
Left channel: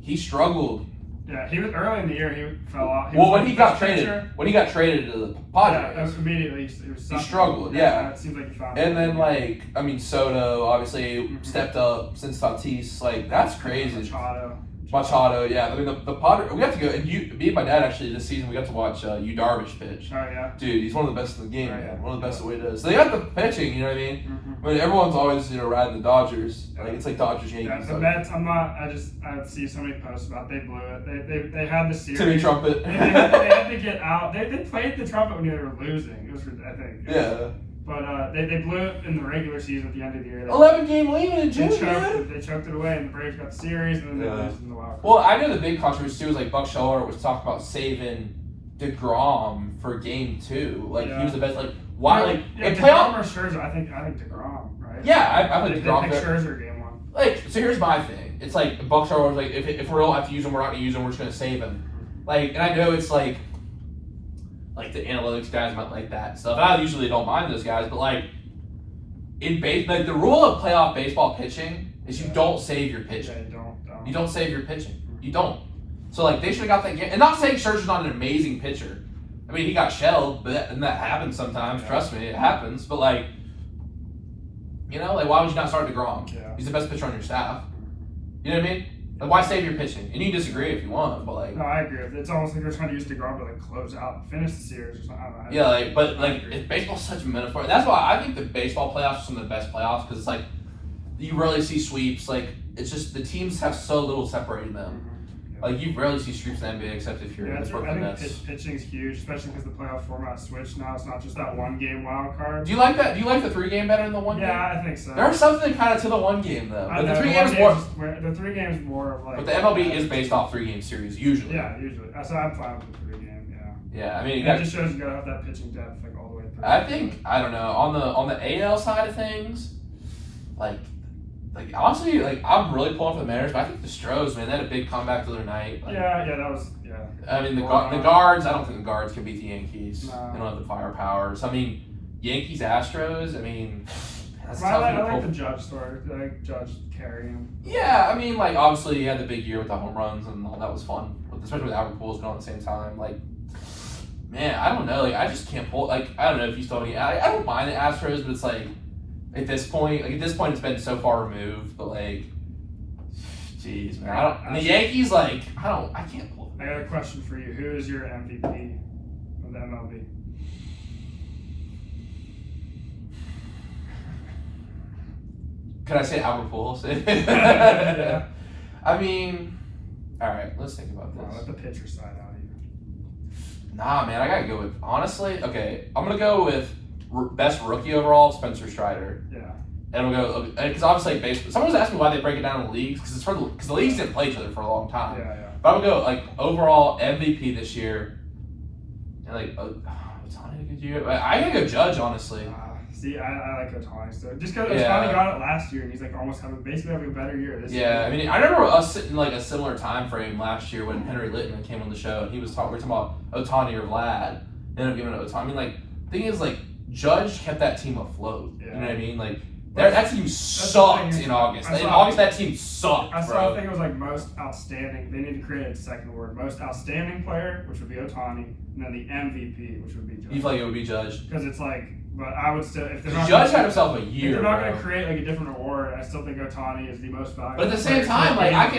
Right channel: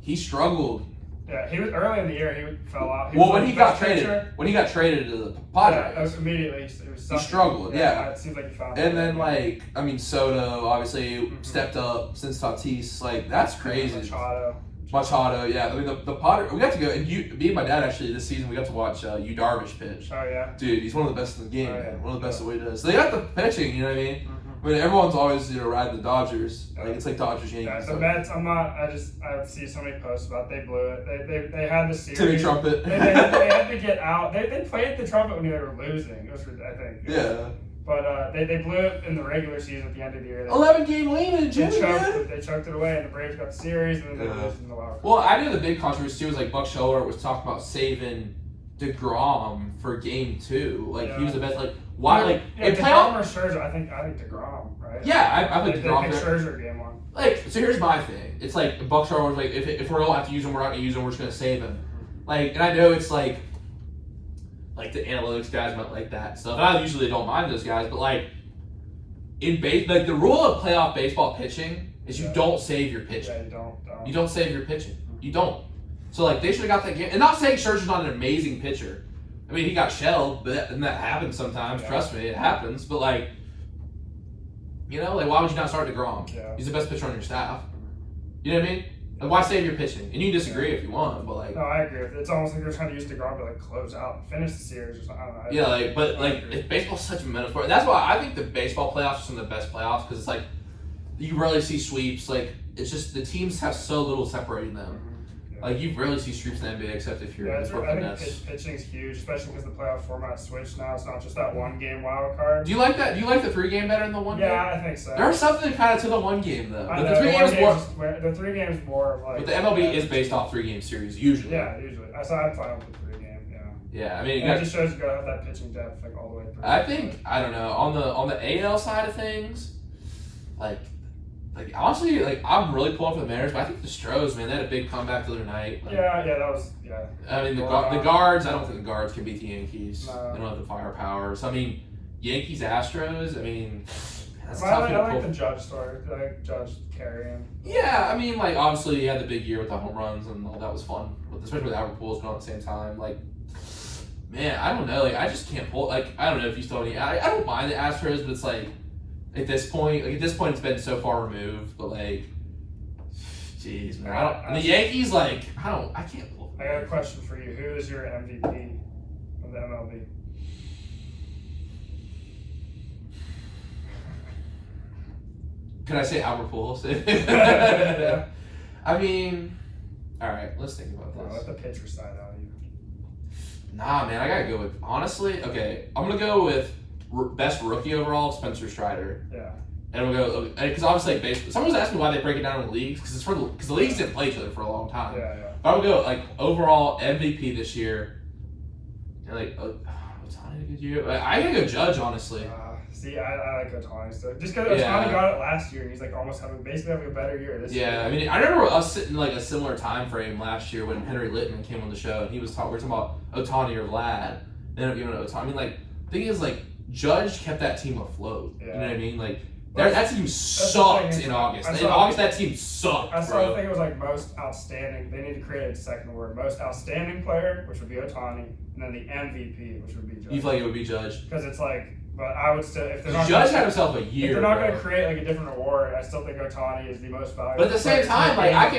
He struggled. Yeah, he was early in the year. He fell off. When he got traded to the Padres, immediately he struggled. Yeah, it seems like he found. And then Soto obviously stepped up since Tatis. That's crazy. Machado, yeah. I mean the Padres. We got to go, and me and my dad actually this season we got to watch Yu Darvish pitch. Oh yeah. Dude, he's one of the best in the game. One of the best the way he does. So they got the pitching. You know what I mean? I mean, everyone's always riding the Dodgers. It's like Dodgers Yankees. Yeah, the Mets. I see so many posts about they blew it. They had the series. Timmy Trumpet. they had to get out. They played the trumpet when they were losing. It was I think. Yeah. But they blew it in the regular season at the end of the year. 11-game lead in June. They chunked it away, and the Braves got the series, and then they lost in the wild card. Well, I know the big controversy too was Buck Showalter was talking about saving DeGrom for Game 2. He was the best. Why? DeGrom or Scherzer? I think DeGrom, right? Yeah, I like DeGrom. They picked Scherzer Game 1. Like, so here's my thing. It's like Bucks are always like, if we don't have to use them, we're not gonna use them. We're just gonna save them. Like, and I know it's like the analytics guys might like that stuff. I usually don't mind those guys, but like like the rule of playoff baseball pitching is you don't save your pitching. Yeah, You don't save your pitching. You don't. So like they should have got that game. And not saying Scherzer's not an amazing pitcher. I mean, he got shelled, and that happens sometimes. Trust me, it happens. But like, like why would you not start DeGrom? Yeah. He's the best pitcher on your staff. You know what I mean? Like, why save your pitching? And you can disagree if you want, but like. No, I agree. It's almost like they're trying to use DeGrom to like close out and finish the series or something. I don't know. Yeah, like baseball's such a metaphor. That's why I think the baseball playoffs are some of the best playoffs because it's like you rarely see sweeps. Like it's just the teams have so little separating them. Like you rarely see sweeps in the NBA except if you're I the Brooklyn think Nets. pitching's huge, especially because the playoff format switched now. It's not just that one game wild card. Do you like that? Do you like the 3 game better than the 1 game? Yeah, I think so. There's something kind of to the 1 game though. But the 3 games more. The 3 games more of like. But the MLB is based off 3 game series usually. Yeah, usually. So I'm fine with the 3 game. Yeah. Yeah, I mean, it just shows you gotta have that pitching depth like all the way through. I don't know on the AL side of things, like honestly, like I'm really pulling for the Mariners, but I think the Stros, man, they had a big comeback the other night. Like, that was. I mean, the guards. I don't think the guards can beat the Yankees. No. They don't have the firepower. So I mean, Yankees Astros. I mean, that's I tough. like the Judge story. I like Judge carrying. Yeah, I mean, like obviously he had the big year with the home runs and all that was fun, especially with Albert Pujols going at the same time. Like, man, I don't know. Like, I just can't pull. Like, I don't know if you still any. I don't mind the Astros, but it's like at this point, it's been so far removed. But like, jeez, man, I don't. And the Yankees, like, I can't pull. I got a question for you. Who is your MVP of the MLB? Could I say Albert Pujols? Yeah. I mean, all right. Let's think about this. Let the pitcher side out of you. Nah, man, I gotta go with honestly. Okay, I'm gonna go with best rookie overall, Spencer Strider. Yeah. And I'm gonna go because obviously baseball. Someone was asking me why they break it down in the leagues because the leagues didn't play each other for a long time. Yeah. But I'm gonna go like overall MVP this year. And like Ohtani a good year. I gotta go Judge honestly. See, I like Ohtani still. Just because Ohtani got it last year, and he's like almost basically having a better year this year. Yeah, I mean, I remember us sitting like a similar time frame last year when Henry Littman came on the show, and we were talking about Ohtani or Vlad. Ended up giving it Ohtani. I mean, like, the thing is, like, Judge kept that team afloat. Yeah. You know what I mean? Like, that team sucked in August. In August, that team sucked. I still think it was like most outstanding. They need to create a second word. Most outstanding player, which would be Ohtani, and then the MVP, which would be Judge. You feel like it would be Judge? Because it's like, but I would still, if they're not Judge had himself a year. If they're not going to create like a different award, I still think Ohtani is the most valuable. But at the same time, like I'm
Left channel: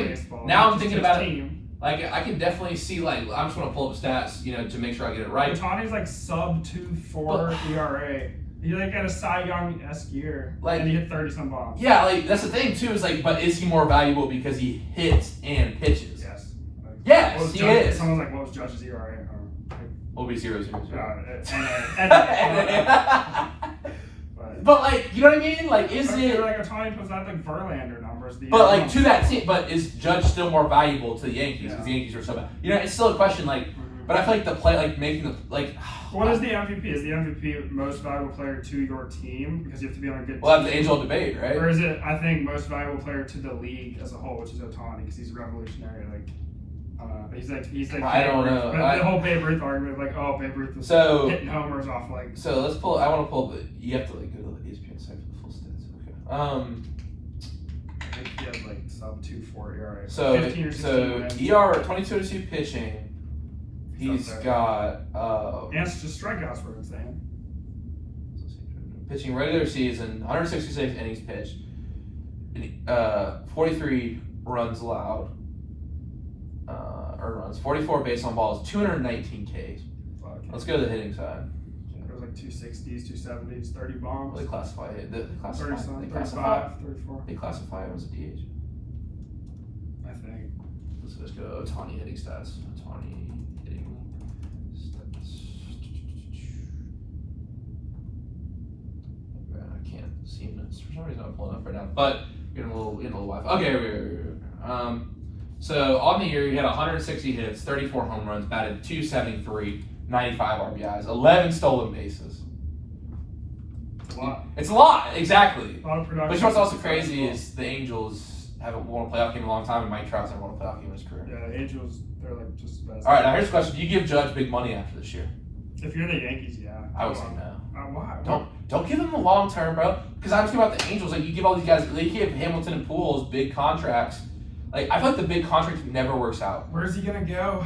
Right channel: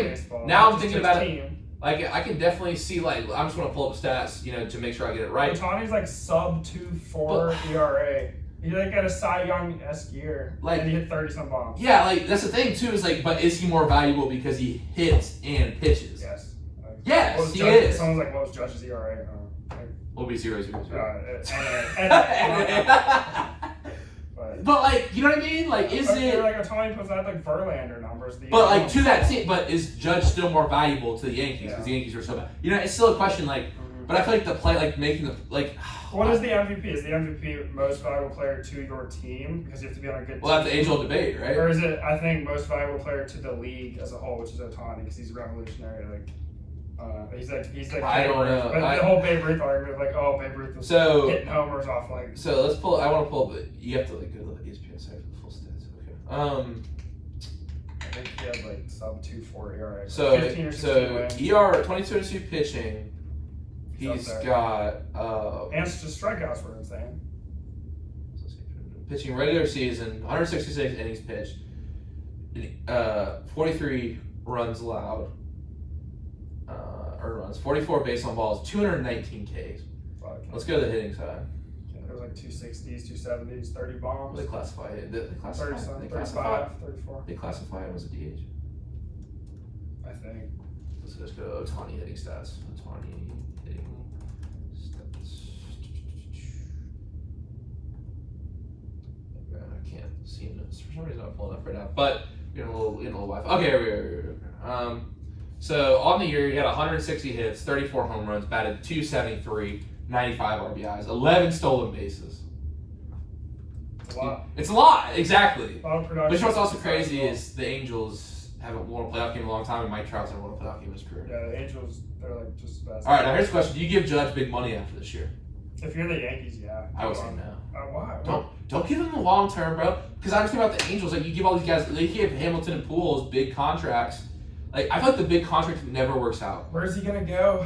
thinking about it. Like I can definitely see like I'm just going to pull up stats, to make sure I get it right. Ohtani's like sub 2.4 ERA. He like had a Cy Young-esque year, and he hit 30-some bombs. Yeah, like that's the thing too. Is like, but is he more valuable because he hits and pitches? Yes. Yes, he is. Someone's like, what was Judge's ERA? Will be 0-0. But like, you know what I mean? Like, is it like Ohtani puts out like Verlander numbers? But like to that team, but is Judge still more valuable to the Yankees because the Yankees are so bad? It's still a question. Like, but I feel like the play, like making the like. What is the MVP? Is the MVP most valuable player to your team because you have to be on a good team? Well, that's the age-old debate, right? Or is it, I think, most valuable player to the league as a whole, which is Ohtani because he's revolutionary. Like, he's like. I don't know. The whole Babe Ruth argument, like, Babe Ruth was hitting homers off like. So let's pull. I want to pull up. You have to like go to the ESPN site for the full stats. Okay. I think he had like sub 2.4 ERA. So 15 or 16 wins. ER 22-2 pitching. He's got and just strikeouts were insane. Pitching regular season, 166 innings pitched, 43 runs allowed, earned runs, 44 base on balls, 219 Ks. Let's go to the hitting side. There was like 260s, 270s, 30 bombs. They classify it. They 35, 34. They classify him as a DH. I think. Let's go to Ohtani hitting stats. Ohtani hitting stats. I can't see this. For some reason I'm pulling up right now. But getting a little Wi-Fi. Okay, here we go. So on the year, he had 160 hits, 34 home runs, batted 273, 95 RBIs, 11 stolen bases. a lot. It's a lot, exactly. A lot of production. But you know what's also crazy is the Angels haven't won a playoff game in a long time, and Mike Trout's haven't won a playoff game in his career. Yeah, Angels, they're like just the best. All right, now here's a question: do you give Judge big money after this year? If you're the Yankees, yeah. I would say no. Why? Don't give them the long term, bro. Because I'm thinking about the Angels. Like you give all these guys, they give Hamilton and Pujols big contracts. Like I feel like the big contract never works out. Where's he gonna go?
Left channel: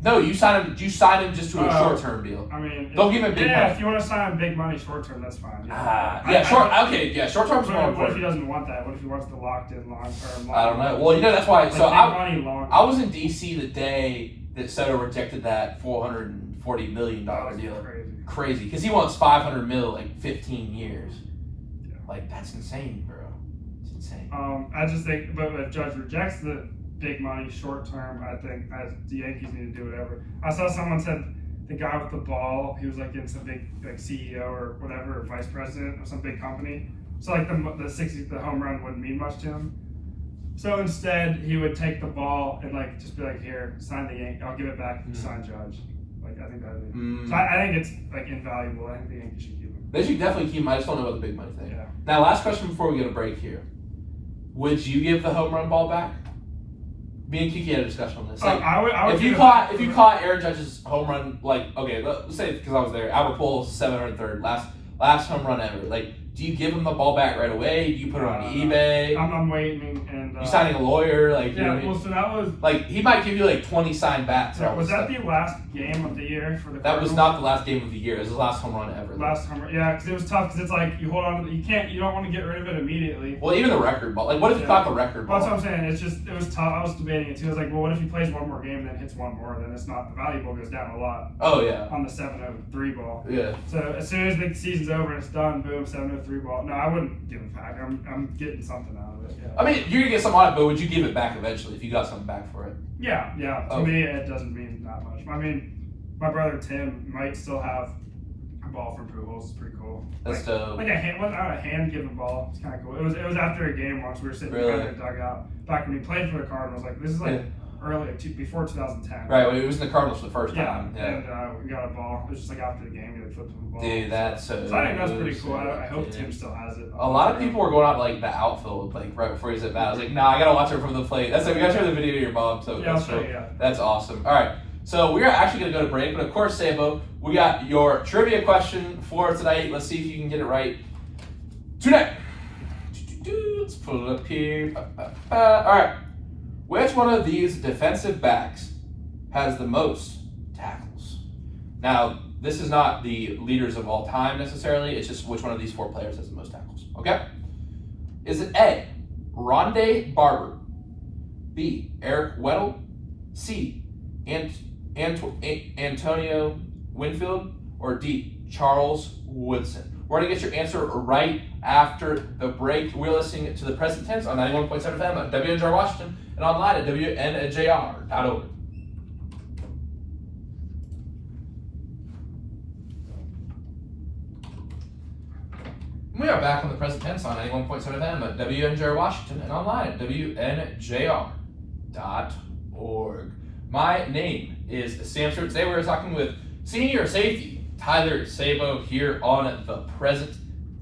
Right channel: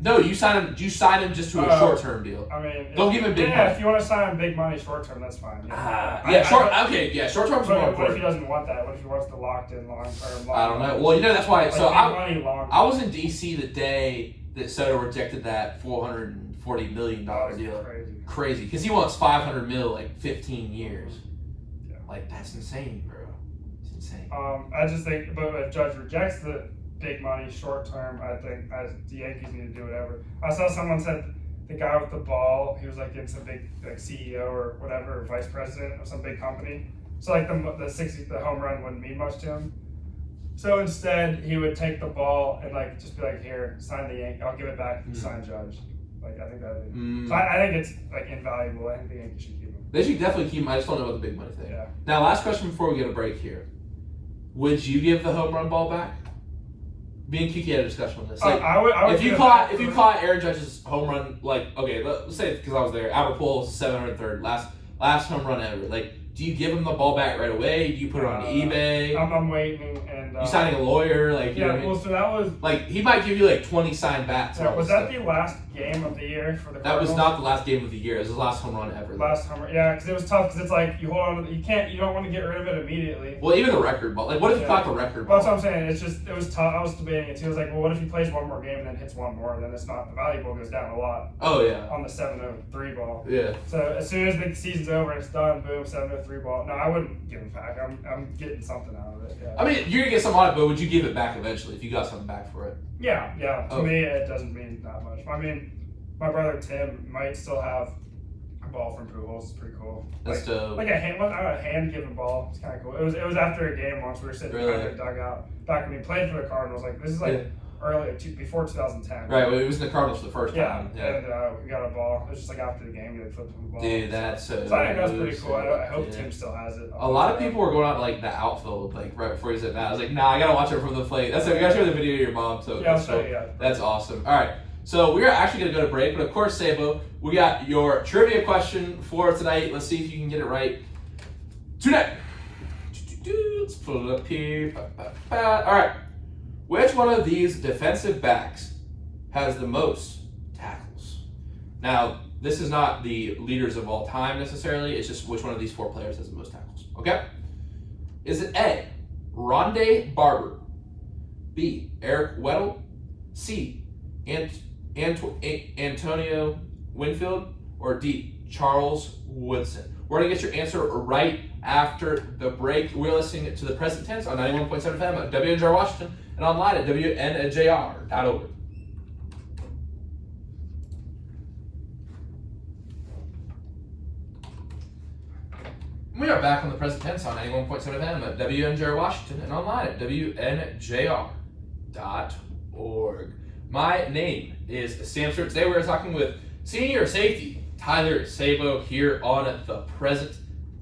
No, you sign him. You sign him just to a short term deal. I mean, don't give him big money. If you want to sign him big money short term, that's fine. Short term is more important. What if he doesn't want that? What if he wants the locked in long term? I don't know. Well, you know that's why. Like So I was in DC the day that Soto rejected that $440 million deal. Crazy, because he wants $500 million, like 15 years. Yeah. Like that's insane, bro. It's insane. I just think, but if Judge rejects the big money short term, I think the Yankees need to do whatever. I saw someone said the guy with the ball, he was like in some big like CEO or whatever, or vice president of some big company. So like the home run wouldn't mean much to him. So instead, he would take the ball and like just be like, here, sign the Yankee. I'll give it back. Sign Judge. Like I think that would be. So I think it's like invaluable. I think the Yankees should keep him. They should definitely keep him. I just don't know about the big money thing. Yeah. Now, last question before we get a break here. Would you give the home run ball back? Me and Kiki had a discussion on this. Like, I would if you caught Aaron Judge's home run, like okay, let's say because I was there, Albert Pujols 703rd last home run ever. Like, do you give him the ball back right away? Do you put it on eBay? I'm waiting and you signing a lawyer, like yeah. Well, so that was like he might give you like 20 signed bats. Yeah, was that the last game of the year for the? That was not the last game of the year. It was the last home run ever. Last home run, yeah, because it was tough. Because it's like you hold on to you don't want to get rid of it immediately. Well, even the record ball. Like, what if you caught the record ball? That's what I'm saying. It was tough. I was debating it too. I was like, well, what if he plays one more game and then hits one more? Then it's not the valuable goes down a lot. Oh yeah. On the 703 ball. Yeah. So as soon as the season's over, and it's done. Boom, 703 ball. No, I wouldn't give it back. I'm getting something out of it. Yeah. I mean, you're gonna get something on it, but would you give it back eventually if you got something back for it? Yeah. To me, it doesn't mean that much. I mean, my brother Tim might still have a ball from Pujols. It's pretty cool. That's dope. Like a hand-given ball. It's kind of cool. It was after a game once we were sitting behind the dugout back when he played for the Cardinals. Like this is like early before 2010. Right. Well, it was in the Cardinals the first time. Yeah. And we got a ball. It was just like after the game, they flipped him the ball. Dude, that's so. So I think that's pretty cool. I hope Tim still has it. A lot of people were going out like the outfield, like right before he's at bat. I was like, nah, I gotta watch it from the plate. That's it. We gotta show the video of your mom. So that's awesome. All right. So we're actually gonna go to break, but of course, Sabo, we got your trivia question for tonight. Let's see if you can get it right tonight. Let's pull it up here. All right. Which one of these defensive backs has the most tackles? Now, this is not the leaders of all time necessarily. It's just which one of these four players has the most tackles. Okay? Is it A, Rondé Barber, B, Eric Weddle, C, Antonio Winfield, or D, Charles Woodson? We're going to get your answer right after the break. We're listening to the present tense on 91.7 FM at WNJR Washington and online at WNJR.org. We are back on the present tense on 91.7 FM at WNJR Washington and online at WNJR.org. My name is Sam Stewart. Today we're talking with senior safety Tyler Sabo here on the present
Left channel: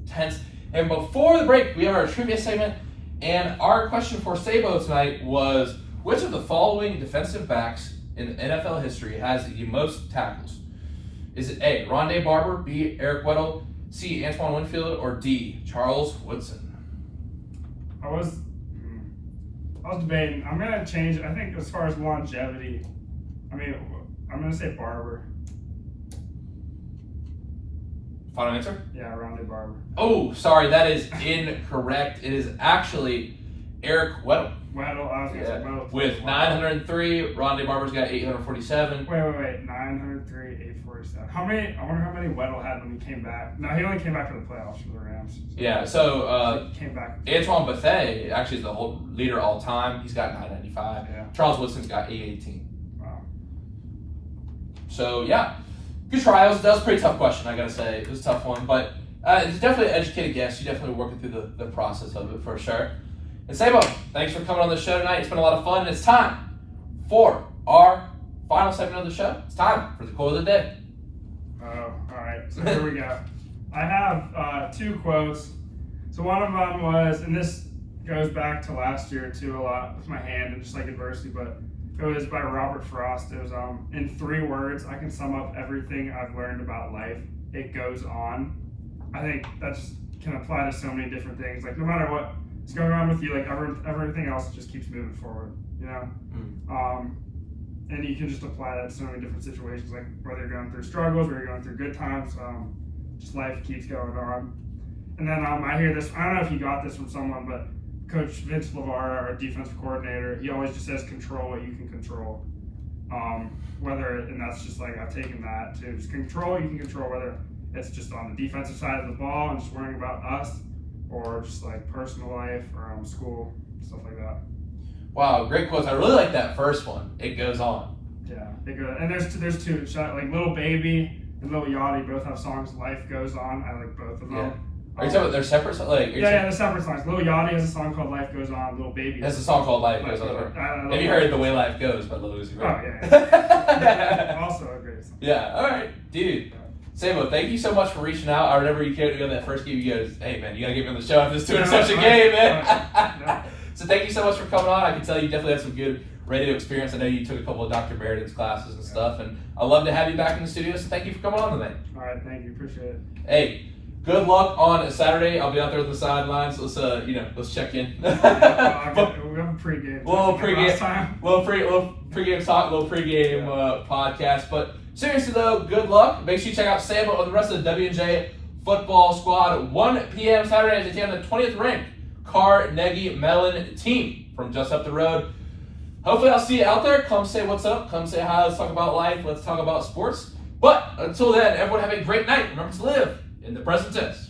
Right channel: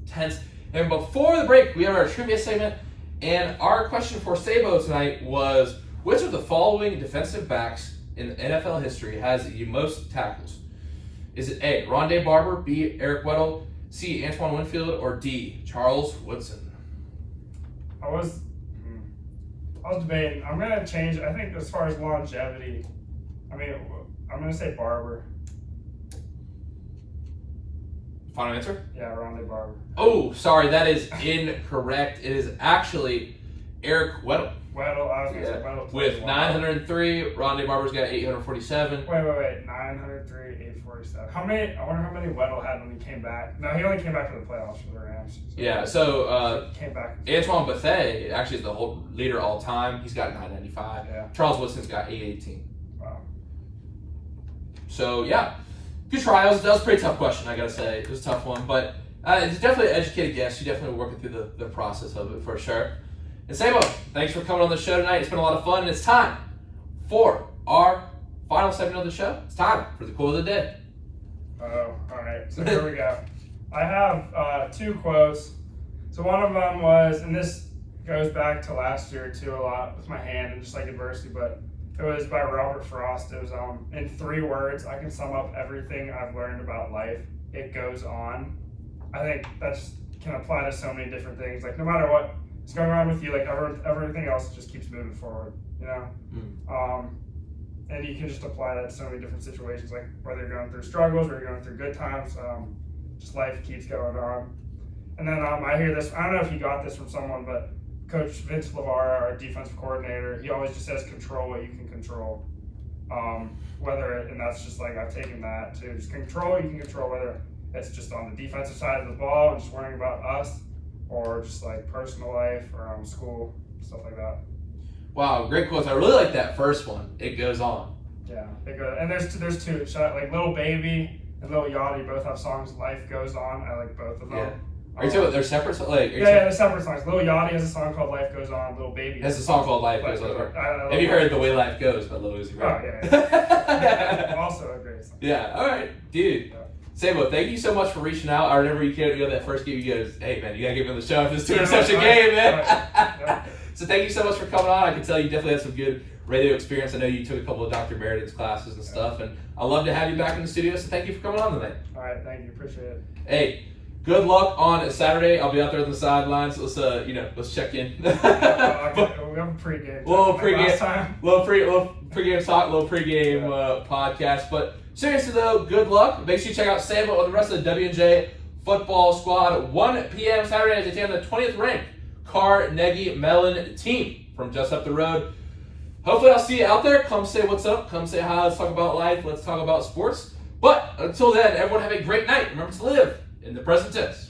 tense. And before the break, we have our trivia segment. And our question for Sabo tonight was, which of the following defensive backs in NFL history has the most tackles? Is it A, Rondé Barber, B, Eric Weddle, C, Antoine Winfield, or D, Charles Woodson? I was debating. I'm going to change. I think as far as longevity, I'm going to say Barber. Final answer? Yeah, Rondé Barber. Oh, sorry, that is incorrect. It is actually Eric Weddle. Weddle, I was going to say Weddle. With 903, Rondé Barber's got 847. Wait, 903, 847. I wonder how many Weddle had when he came back. No, he only came back for the playoffs for the Rams. Yeah, so he came back. Antoine Bethea actually is the whole leader all time. He's got 995. Yeah. Charles Woodson's got 818. Wow. So, yeah. Good trials. That was a pretty tough question, I gotta say. It was a tough one, but it's definitely an educated guess. You're definitely working through the process of it for sure. And Sabo, thanks for coming on the show tonight. It's been a lot of fun, and it's time for our final segment of the show. It's time for the quote of the day. Oh, all right. So here we go. I have 2 quotes. So one of them was, and this goes back to last year too a lot with my hand and just like adversity, but it was by Robert Frost. It was in 3 words, I can sum up everything I've learned about life. It goes on. I think that just can apply to so many different things. Like no matter what's going on with you, like everything else just keeps moving forward, you know? And you can just apply that to so many different situations, like whether you're going through struggles or you're going through good times, just life keeps going on. And then I hear this, I don't know if you got this from someone, but Coach Vince LeVar, our defensive coordinator, he always just says control what you can control. And that's just like, I've taken that to just control, you can control whether it's just on the defensive side of the ball and just worrying about us, or just like personal life or school, stuff like that. Wow, great quotes. I really like that first one. It goes on. Yeah, it goes. And there's 2. Like Little Baby and Little Yachty both have songs. Life Goes On. I like both of them. Yeah. Are you talking about their separate songs? They're separate songs. Little Yachty has a song called Life Goes On. Little Baby has a song called Life Goes On. Have you heard The Way Life Goes by Lil Uzi Vert? Oh, yeah. Also a great song. Yeah, all right, dude. Yeah. Sabo, thank you so much for reaching out. I remember you came to that first game. You goes, hey, man, you got to get me on the show after this 2 interception game, man. So thank you so much for coming on. I can tell you definitely had some good radio experience. I know you took a couple of Dr. Merriden's classes and stuff, and I'd love to have you back in the studio, so thank you for coming on today. All right, thank you. Appreciate it. Hey, good luck on Saturday. I'll be out there on the sidelines. Let's check in. We have a pregame. Little pregame talk, little pregame podcast. But seriously though, good luck. Make sure you check out Sabo and the rest of the W&J football squad. 1 p.m. Saturday as they take on the 20th ranked Carnegie Mellon team from just up the road. Hopefully I'll see you out there. Come say what's up. Come say hi. Let's talk about life. Let's talk about sports. But until then, everyone have a great night. Remember to live in the present tense.